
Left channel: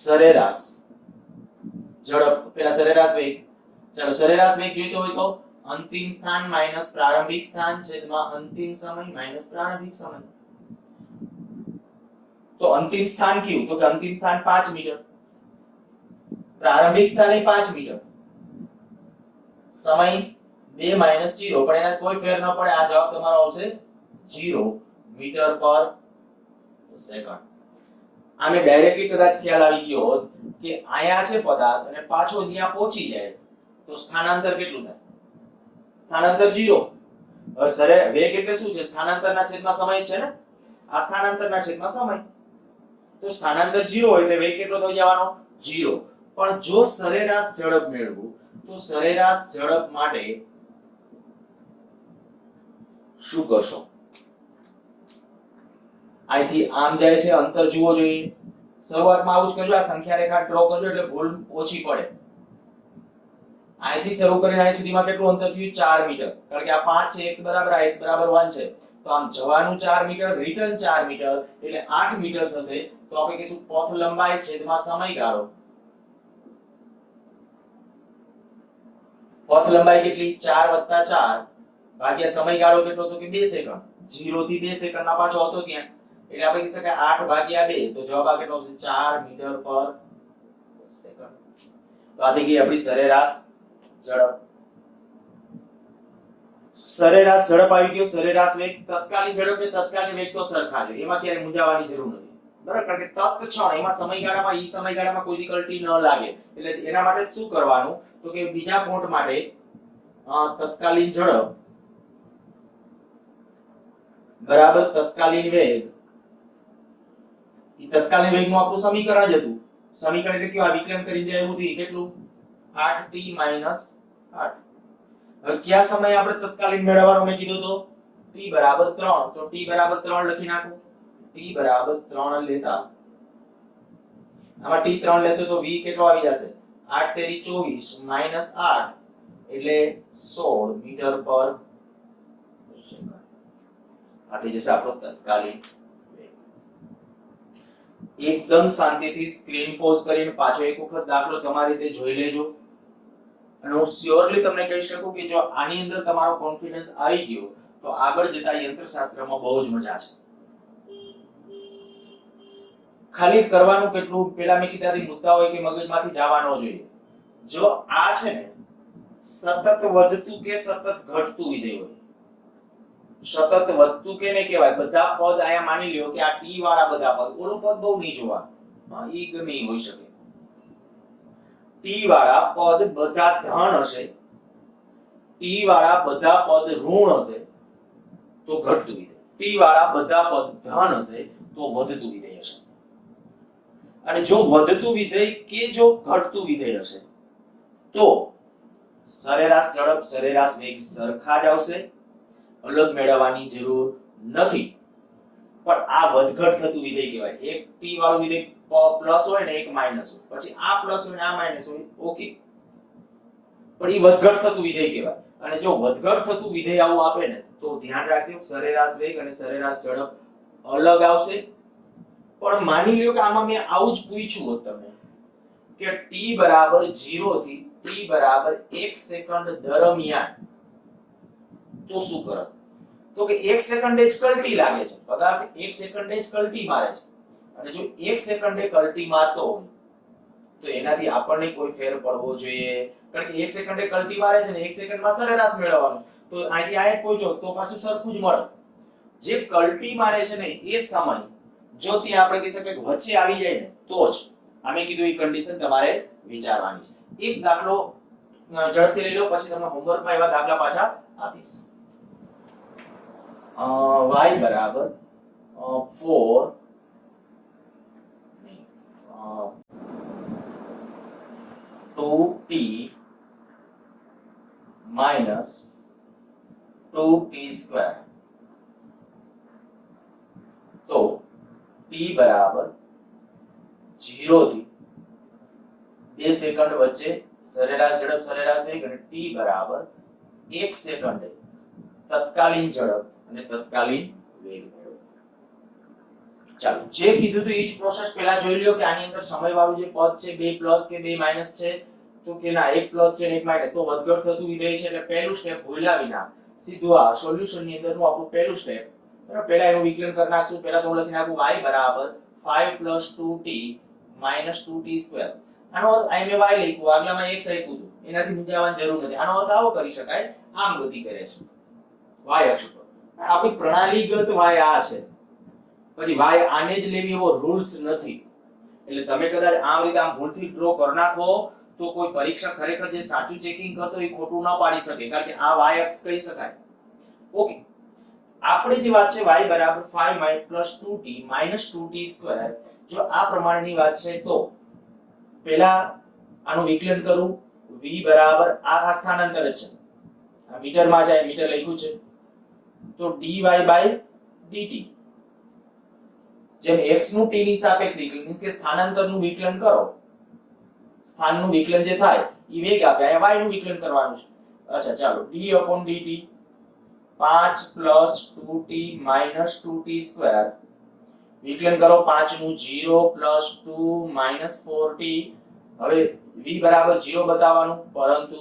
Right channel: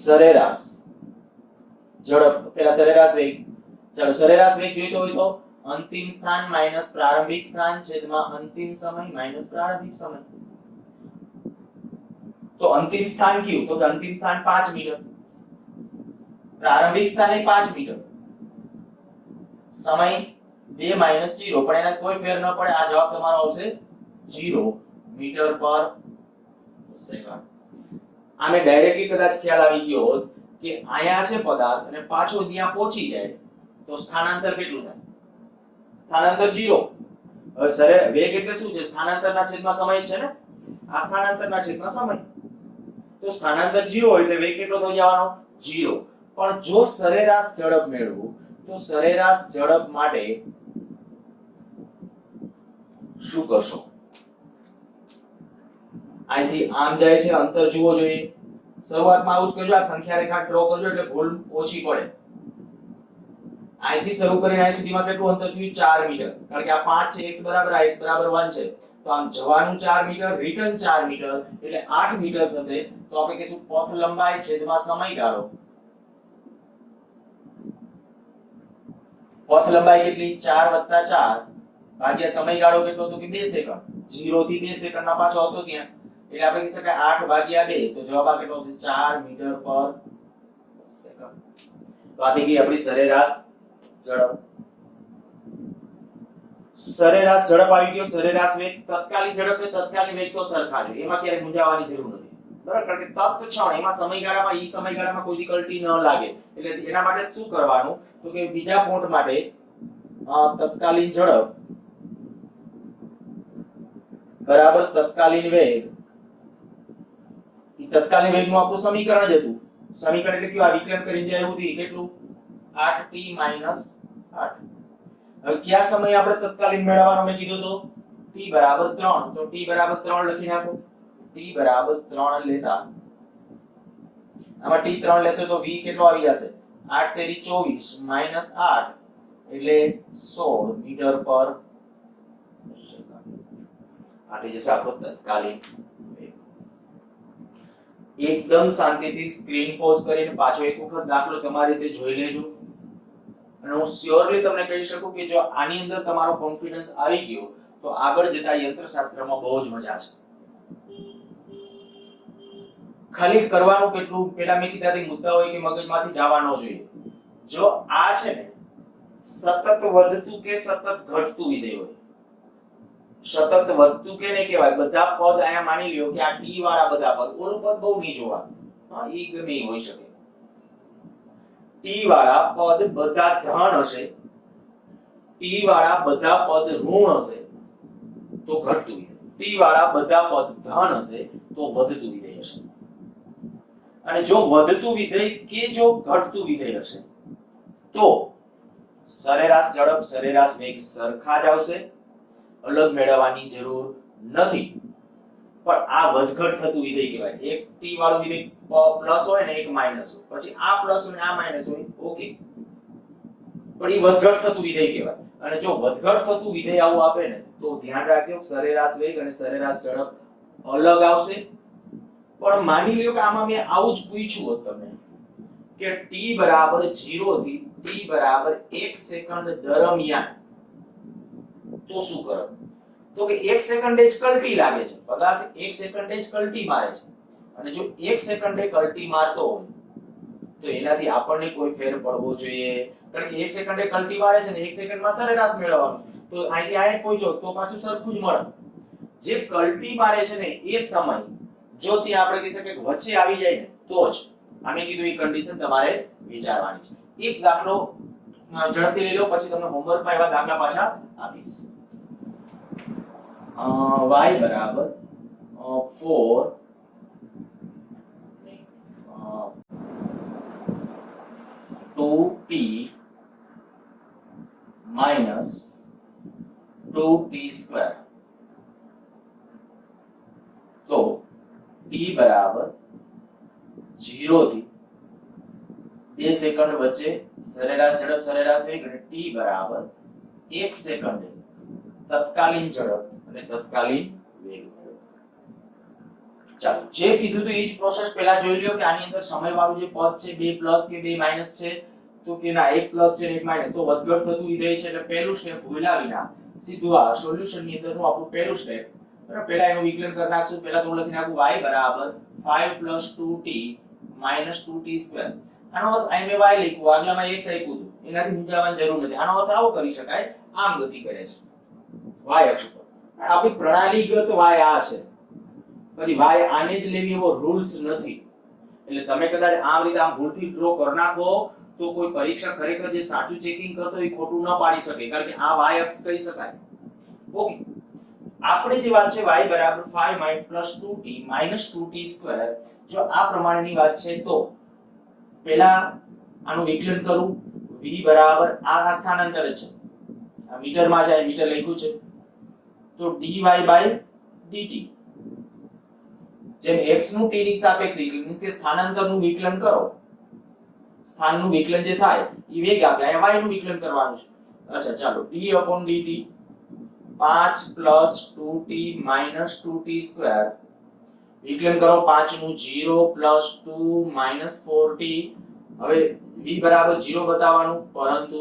સરેરાશ ઝડપ, પેલા સરેરાશ વેગ. ચાલો સરેરાશ વેગ જોઈતો હોય તો અંતિમ સ્થાન માઈનસ પ્રારંભિક સ્થાન છેદમાં અંતિમ સમય માઈનસ પ્રારંભિક સમય. તો અંતિમ સ્થાન કયું? તો કે અંતિમ સ્થાન 5 મીટર, પ્રારંભિક સ્થાન એ 5 મીટર, સમય 2 માઈનસ 0, પણ એના કોઈ ફેર ન પડે. આ જવાબ તમારો આવશે 0 મીટર પર સેકન્ડ. આમે ડાયરેક્ટલી કદાચ ખ્યાલ આવી ગયો હોત કે આયા છે પદાર્થ અને પાછો ત્યાં પહોંચી જાય તો સ્થાનાંતર કેટલું થાય? સ્થાનાંતર 0. હવે વેગ એટલે શું છે? સ્થાનાંતરના છેદમાં સમય છે ને. આ સ્થાનાંતરના છેદમાં સમય. તો સ્થાનાંતર 0 એટલે વેગ કેટલો થઈ જવાનો? 0. પણ જો સરેરાશ ઝડપ મેળવું તો સરેરાશ ઝડપ માટે શું કરશો? અહીંથી આમ જાય છે, અંતર જુઓ જોઈએ. શરૂઆતમાં આવું જ કરજો. આ સંખ્યા રેખા ડ્રો કરજો એટલે ભૂલ ઓછી પડે. અહીંથી શરૂ કરીને અહીં સુધીમાં કેટલું અંતર થયું? 4 મીટર. કારણ કે આ 5 છે, x બરાબર આ x બરાબર 1 છે. તો આમ જવાનું 4 મીટર, રિટર્ન 4 મીટર એટલે 8 મીટર થશે. તો આપણે કહીશું પથ લંબાઈ છેદમાં સમયગાળો પથ લંબાઈ કેટલી 4 + 4 ભાગ્યા સમયગાળો કેટલો તો કે 2 સેકન્ડ 0 થી 2 સેકન્ડમાં પાછો હતો ત્યાં એટલે આપણે કહી શકાય 8 ભાગ્યા 2 તો જવાબ આ કેટલો છે 4 મીટર પર સેકન્ડ. તો આ થઈ ગઈ આપણી સરેરાશ ઝડપ. સરેરાશ ઝડપ આવી ગયો. સરેરાશ વેગ તત્કાલીન ઝડપ ને તત્કાલીન વેગ તો સરખા જ હોય, એમાં ક્યારે મૂંઝાવાની જરૂર નથી. બરાબર, કારણ કે તત્ક્ષણ એમાં સમયગાળામાં ઈ સમયગાળામાં કોઈ કલ્ટી ન લાગે એટલે એના માટે શું કરવાનું તો કે બીજા પોઈન્ટ માટે તત્કાલીન ઝડપ બરાબર તત્કાલીન વેગ. ઈ તત્કાલીન વેગનું આપણું સમીકરણ જ હતું. સમીકરણ એટલે કેવું? આ વિકલન કરીને જે આવ્યું હતું કેટલું 8t - 8. હવે કયા સમયે આપણે તત્કાલીન મેળવવાનો મેં કીધું તો t = 3 તો t = 3 લખી નાખો. t = 3 લેતા આમાં t 3 લેશો તો v કેટલો આવી જશે 8 તેરી 24 - 8 એટલે 16 મીટર પર સેકન્ડ. આ થઈ જશે આપણો તત્કાલીન વેગ. એકદમ શાંતિથી સ્ક્રીન પોઝ કરીને પાછો એક વખત દાખલો તમારી રીતે જોઈ લેજો અને હું શ્યોરલી તમને કહી શકું કે જો આની અંદર તમારો કોન્ફિડન્સ આવી ગયો તો આગળ જતા યંત્રશાસ્ત્રમાં બહુ જ મજા છે. ખાલી કરવાનું કેટલું પેલા મેં કીધાથી મુદ્દા હોય કે મગજમાંથી જવા ન જોઈએ. જો આ છે ને સતત વધતું કે સતત ઘટતું વિધેય હોય, સતત વધતું કે ને કહેવાય બધા પદ આયા માની લ્યો કે આ t વાળા બધા પદ, ઓલું પદ બહુ નહીં જોવાનું, હા ઈ ગમે ઈ હોઈ શકે. t વાળા પદ બધા ધન હશે, t વાળા બધા પદ ઋણ હશે તો ઘટતું વિધેય, t વાળા બધા પદ ધન હશે તો વધતું વિધેય હશે. અને જો વધતું વિધેય કે જો ઘટતું વિધેય હશે તો સરેરાશ ઝડપ સરેરાશ વેગ સરખા જ આવશે, અલગ મેળવવાની જરૂર નથી. પણ આ વધઘટ થતું વિધેય કહેવાય. એક t વાળું વિધેય પ્લસ હોય ને એક માઈનસ હોય, પછી આ પ્લસ હોય ને આ માઈનસ હોય, ઓકે, પણ એ વધઘટ થતું વિધેય કહેવાય. અને જો વધઘટ થતું વિધેય આવું આપે ને તો ધ્યાન રાખજો સરેરાશ વેગ અને સરેરાશ ઝડપ અલગ આવશે. પણ માની લ્યો કે આમાં મેં આવું જ પૂછ્યું હોત તમને કે t = 0 થી t = 1 સેકન્ડ દરમિયાન તો શું કરો? તો કે 1 સેકન્ડે જ કલ્ટી લાગે છે, પદાર્થ 1 સેકન્ડે જ કલ્ટી મારે છે. અને જો 1 સેકન્ડે કલ્ટી મારતો હોય તો એનાથી આપણને કોઈ ફેર પડવો જોઈએ, કારણ કે 1 સેકન્ડે કલ્ટી મારે છે ને 1 સેકન્ડમાં સરેરાશ મેળવવાનું, તો અહીંથી આ એક પૂછો તો પાછું સરખું જ મળે. જે કલ્ટી મારે છે ને એ સમય જો ત્યાં આપણે કહી શકીએ કે વચ્ચે આવી જાય ને તો જ અમે કીધું એ કન્ડિશન તમારે વિચારવાની છે. એક દાખલો ઝડપથી લઈ લો, પછી તમને હોમવર્કમાં એવા દાખલા પાછા આપીશ. y = 4 2t - 2t². તો t = 0 થી 2 સેકન્ડ વચ્ચે સરેરાશ ઝડપ સરેરાશ વેગ અને t = 1 સેકન્ડે તત્કાલીન ઝડપ અને તત્કાલીન વેગ મેળવો. ચાલો, જે કીધું તો એ જ પ્રોસેસ પહેલા જોઈ લ્યો કે આની અંદર સમય વાળું જે પદ છે 2 પ્લસ કે 2 માઈનસ છે તો કે ના 1 પ્લસ છે 1 માઈનસ, તો વધઘટ થતું વિધેય છે એટલે પહેલું સ્ટેપ ભૂલ્યા વિના સીધું આ સોલ્યુશન ની અંદરનું આપણું પહેલું સ્ટેપ. બરાબર, પહેલા એનું વિકલન કરી નાખશું. પહેલા તો હું લખી નાખું y = 5 + 2t - 2t². આનો અર્થ અહીં મેં y લખ્યું, આગલામાં x લખ્યું હતું, એનાથી મૂંઝાવાની જરૂર નથી. આનો અર્થ આવો કરી શકાય, આમ ગતિ કરે છે y અક્ષ પર. આપણી પ્રણાલીગત y આ છે, પછી y આને જ લેવી એવો રૂલ્સ નથી. એટલે તમે કદાચ આમ રીતે આમ ભૂલથી ડ્રો કરી નાખો તો કોઈ પરીક્ષક ખરેખર જે સાચું ચેકિંગ કરતો એ ખોટું ન પાડી શકે, કારણ કે આ y અક્ષ કહી શકાય. ઓકે, આપણે જે વાત છે y = 5 + 2t - 2t². જો આ પ્રમાણેની વાત છે તો પહેલા આનું વિકલન કરું. v = આ સ્થાનાંતર છે, આ મીટરમાં છે, મીટર લખ્યું છે, તો dy/dt જેમ x નું t ની સાપેક્ષે મીન્સ કે સ્થાનાંતરનું વિકલન કરો, સ્થાનનું વિકલન જે થાય એ વેગ આપે, આ y નું વિકલન કરવાનું છે. અચ્છા ચાલો, d/dt 5 + 2t - 2t² વિકલન કરો. 5 નું 0 + 2 - 4t. હવે v = 0 બતાવવાનું, પરંતુ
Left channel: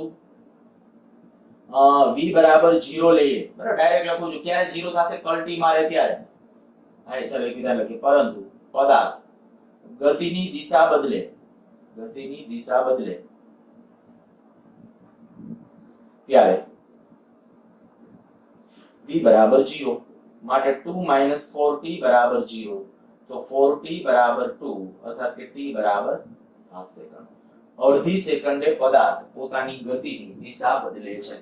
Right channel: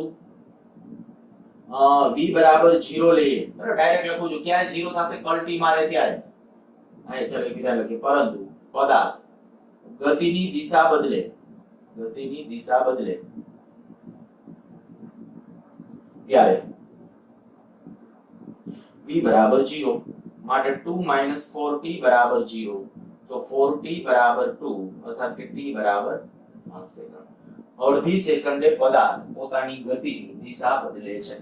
v બરાબર 0 લઈએ, બરાબર, ડાયરેક્ટ લખું છું. ક્યારે 0 થશે? કલ t મારે ત્યારે. હા, ચલો એક બીજા લખીએ. પરંતુ પદાર્થ ગતિની દિશા બદલે, ગતિની દિશા બદલે ત્યારે v બરાબર 0 માટે 2 - 4t બરાબર 0, તો 4t બરાબર 2 અર્થાત કે t બરાબર 1/2 સેકન્ડ. અડધી સેકન્ડે પદાર્થ પોતાની ગતિની દિશા બદલે છે.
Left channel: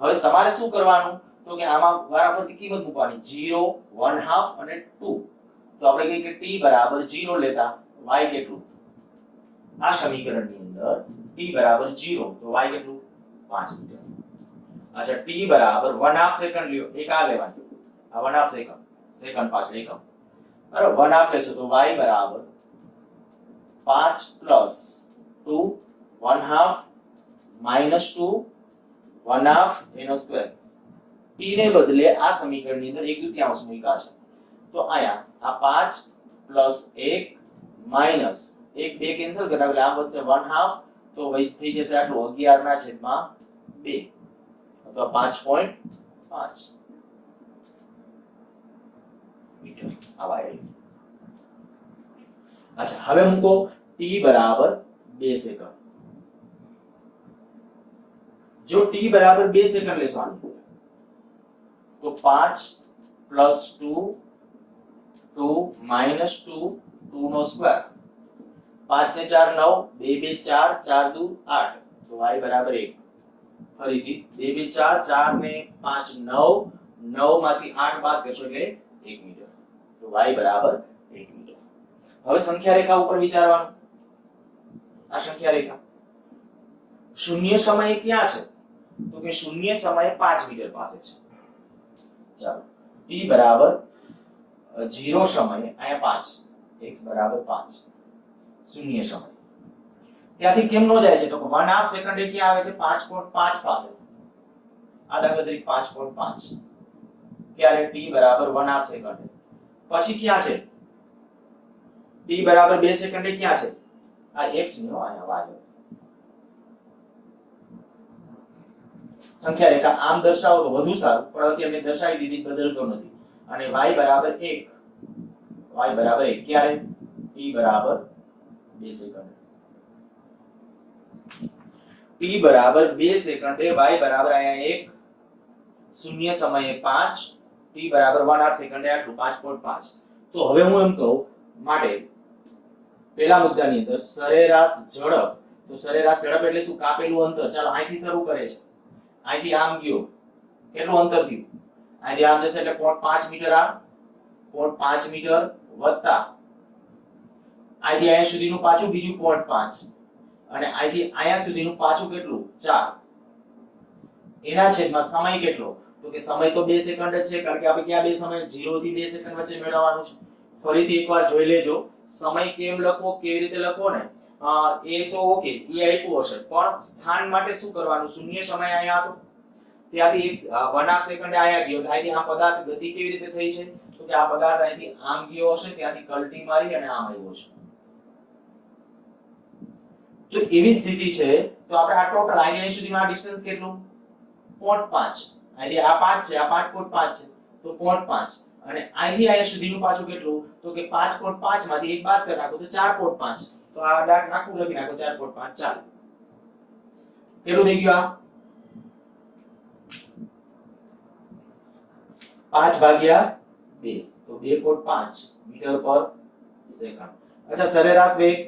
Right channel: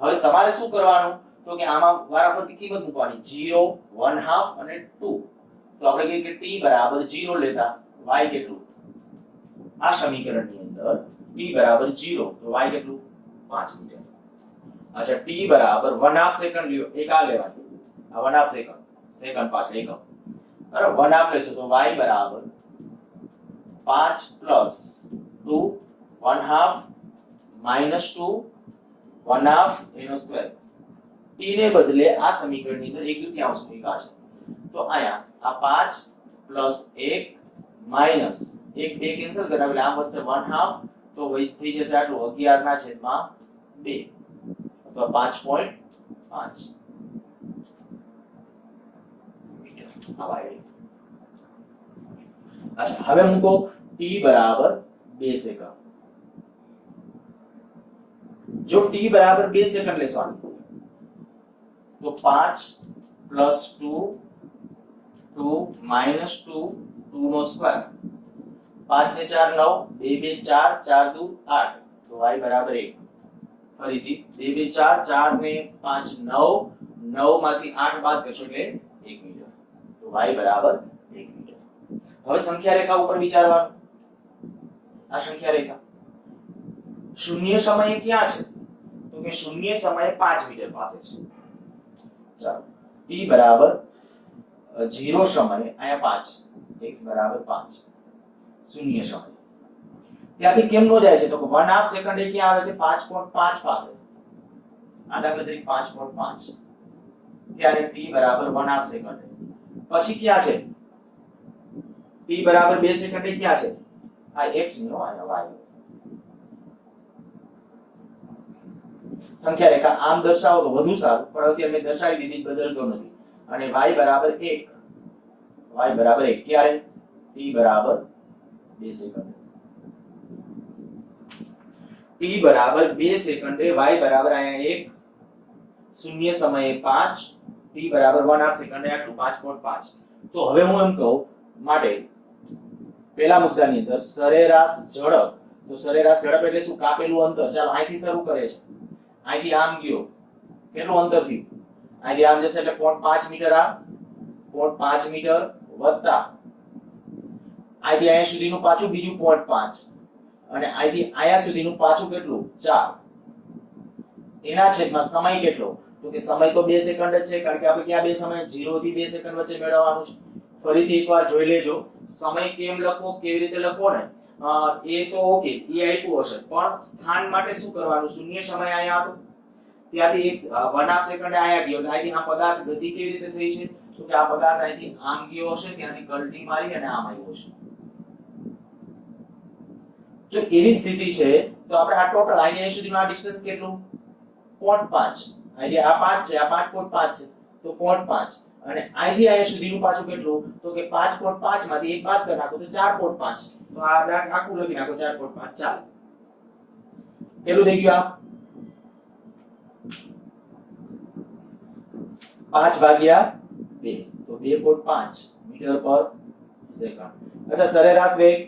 હવે તમારે શું કરવાનું? તો કે આમાં વારાફરતી કિંમત મૂકવાની, 0, 1/2 અને 2. તો આપણે કહીએ કે t બરાબર 0 લેતા y કેટલું? આ સમીકરણની અંદર t બરાબર 0, તો y કેટલું? 5 મીટર. અચ્છા, t બરાબર 1/2 સેકન્ડ લ્યો, એક આ લેવાનું, આ 1/2 સેકન્ડ, સેકન્ડ પાછળ એકમ, બરાબર, 1/2 લેશો તો y બરાબર 5 + 2 1/2 -2 1/2 એનો સ્ક્વેર. t ને બદલે આ સમીકરણની અંદર 1/2 મૂક્યા છે, તો આયા આ 5 + 1 માઈનસ 1 2 કેન્સલ કરાવે એટલે આ વધશે 1/2, તો વહી થઈ જશે આટલું 11/2 અથવા 5.5 મીટર. આવા આવી. અચ્છા, હવે મૂકો t બરાબર 2 સેકન્ડ. જો t બરાબર 2 સેકન્ડ લેશો આની, તો 5 + 2 2 -2 2 નો સ્ક્વેર, 5 ને 4 9, 2 2 4 4 2 8, તો y બરાબર 1. ફરીથી 2 2 4 4 ને 5 9, 9 માંથી 8 બાદ કરશો એટલે 1 મીટર, તો y બરાબર 1 મીટર. હવે સંખ્યા રેખા ઉપર વિચારવાનું. આ સંખ્યા રેખા શૂન્ય સમયે ક્યાં છે? તો કે શૂન્ય સમયે 5 મીટર પાસે છે. ચાલો, t બરાબર 0 સમયે અહીંયા 5, x બરાબર 5, શૂન્ય સમય. ત્યાંથી કેમ નો જાય છે? તો 1/2 સેકન્ડે ક્યાં આવે છે? 5.5 પાસે. આ દાખલા તરીકે 5.5. ક્યારે? t બરાબર 1/2 સેકન્ડે. પછી ક્યાં છે? t બરાબર 2 સેકન્ડે ક્યાં છે? આ x નો આયા y. સંખ્યા રેખા આમ દર્શાવો તો વધુ સારું, પણ અત્યારે મેં દર્શાવી દીધી, બદલતો નથી. અને y બરાબર 1, y બરાબર 1 ક્યારે? t બરાબર 2 સેકન્ડ. t બરાબર 2 સેકન્ડે, y બરાબર અહીંયા 1, શૂન્ય સમયે 5, t બરાબર 1/2 સેકન્ડે આટલું 5.5. તો હવે હું એમ કહું માટે પહેલા મુદ્દાની અંદર સરેરાશ ઝડપ, તો સરેરાશ ઝડપ એટલે શું? કાપેલું અંતર. ચાલો અહીંથી શરૂ કરે છે, અહીંથી આમ ગયો, કેટલું અંતર થયું? અહીંથી આમ જશે એટલે 0.5 મીટર, આ 0.5 મીટર વત્તા અહીંથી અહીંયા સુધીનું પાછું બીજું 0.5, અને અહીંથી અહીંયા સુધીનું પાછું કેટલું? 4. એના છેદમાં સમય કેટલો? તો કે સમય તો 2 સેકન્ડ જ છે, કારણ કે આપણે ક્યાં બે સમય 0 થી 2 સેકન્ડ વચ્ચે મેળવવાનું છે. ફરીથી એકવાર જોઈ લેજો, સમય કેમ લખવો, કેવી રીતે લખવો ને, એ તો ઓકે, એ આપ્યું હશે, પણ સ્થાન માટે શું કરવાનું? શૂન્ય સમય અહીંયા હતો, ત્યાંથી 1/2 સેકન્ડે અહીંયા ગયો, અહીંથી આ પદાર્થ ગતિ કેવી રીતે થઈ છે? તો કે આ પદાર્થ અહીંથી આમ ગયો હશે, ત્યાંથી કલટી મારી અને આમ આવ્યો છે. તો એવી સ્થિતિ છે, તો આપણે આ ટોટલ અહીંયા સુધીનું આ ડિસ્ટન્સ કેટલું? 0.5. અહીંથી આ 5 છે, આ 5.5 છે, તો 0.5, અને અહીંથી અહીંયા સુધીનું પાછું કેટલું? તો કે 5.5 માંથી 1 બાદ કરી નાખો તો 4.5. તો આ દાખલા આખું લખી નાખો 4.5. ચાલો, કેટલું થઈ ગયું? આ 5/2, તો 2.5 મીટર પર સેકન્ડ. અચ્છા, સરેરાશ વેગ.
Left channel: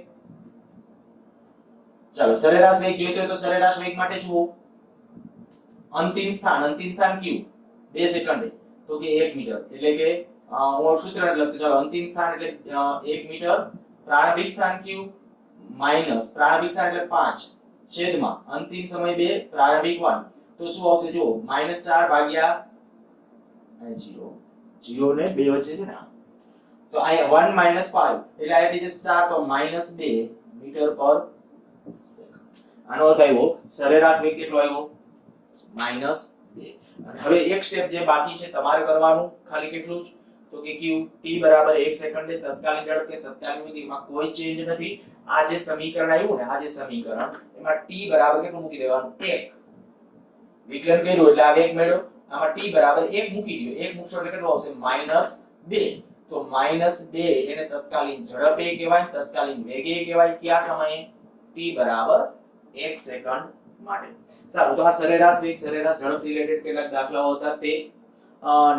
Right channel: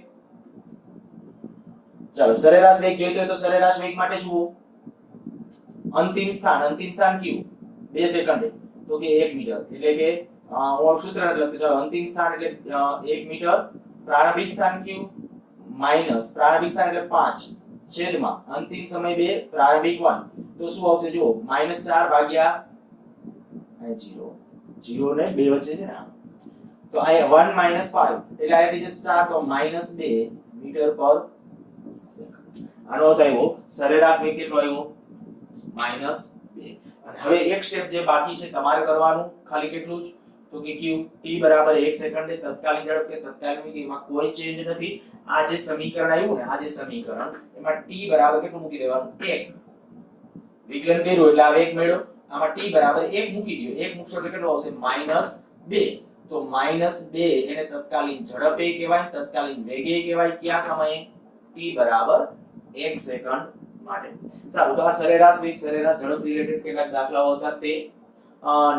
ચાલો, સરેરાશ વેગ જોઈતો હોય તો સરેરાશ વેગ માટે જુઓ, અંતિમ સ્થાન કયું? 2 સેકન્ડે, તો કે 1 મીટર. એટલે કે હું સૂત્ર નથી લખતો, ચાલો, અંતિમ સ્થાન એટલે 1 મીટર. પ્રારંભિક સ્થાન કયું? માઈનસ પ્રારંભિક સ્થાન એટલે 5 છેદમાં અંતિમ સમય 2, પ્રારંભિક 1, તો શું આવશે? જુઓ, -4/0, 0 ને 2 વચ્ચે છે ને, તો અહીંયા 1 - 5 એટલે અહીંયા થઈ જશે 4, તો -2 મીટર પર સેકન્ડ. આનો અર્થ આવ્યો સરેરાશ વેગ કેટલો આવ્યો? -2. અને હવે એક સ્ટેપ જે બાકી છે તમારે કરવાનું, ખાલી કેટલું જ? તો કે ક્યુ? t બરાબર 1 સેકન્ડે તત્કાલીન ઝડપ કે તત્કાલીન વેગ, એમાં કોઈ ચેન્જ નથી. આ જે સમીકરણ આવ્યું ને, આ જે સમીકરણ, એમાં t બરાબર કેટલું મૂકી દેવાનું? 1. વિકલન કર્યું એટલે આ વેગ મળ્યો, આમાં t બરાબર 1 મૂકી દો, 1 મૂકશો એટલે કેટલો આવશે -2, તો -2 એને તત્કાલીન ઝડપે કહેવાય, તત્કાલીન વેગે કહેવાય, કયા સમયે? t બરાબર 1 સેકન્ડ માટે. સારું, તો આ સરેરાશ વેગ સરેરાશ ઝડપ રિલેટેડ કેટલાક દાખલાઓ હતા તે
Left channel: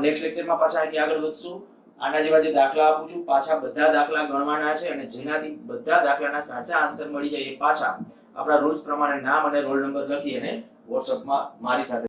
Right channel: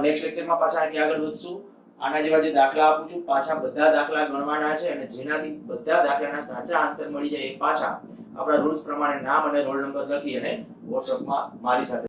નેક્સ્ટ લેક્ચરમાં પાછા અહીંથી આગળ વધશું. આના જેવા જે દાખલા આપું છું પાછા બધા દાખલા ગણવાના છે અને જેનાથી બધા દાખલાના સાચા આન્સર મળી જાય એ પાછા આપણા રૂલ્સ પ્રમાણે નામ અને રોલ નંબર લખી અને WhatsApp માં મારી સાથે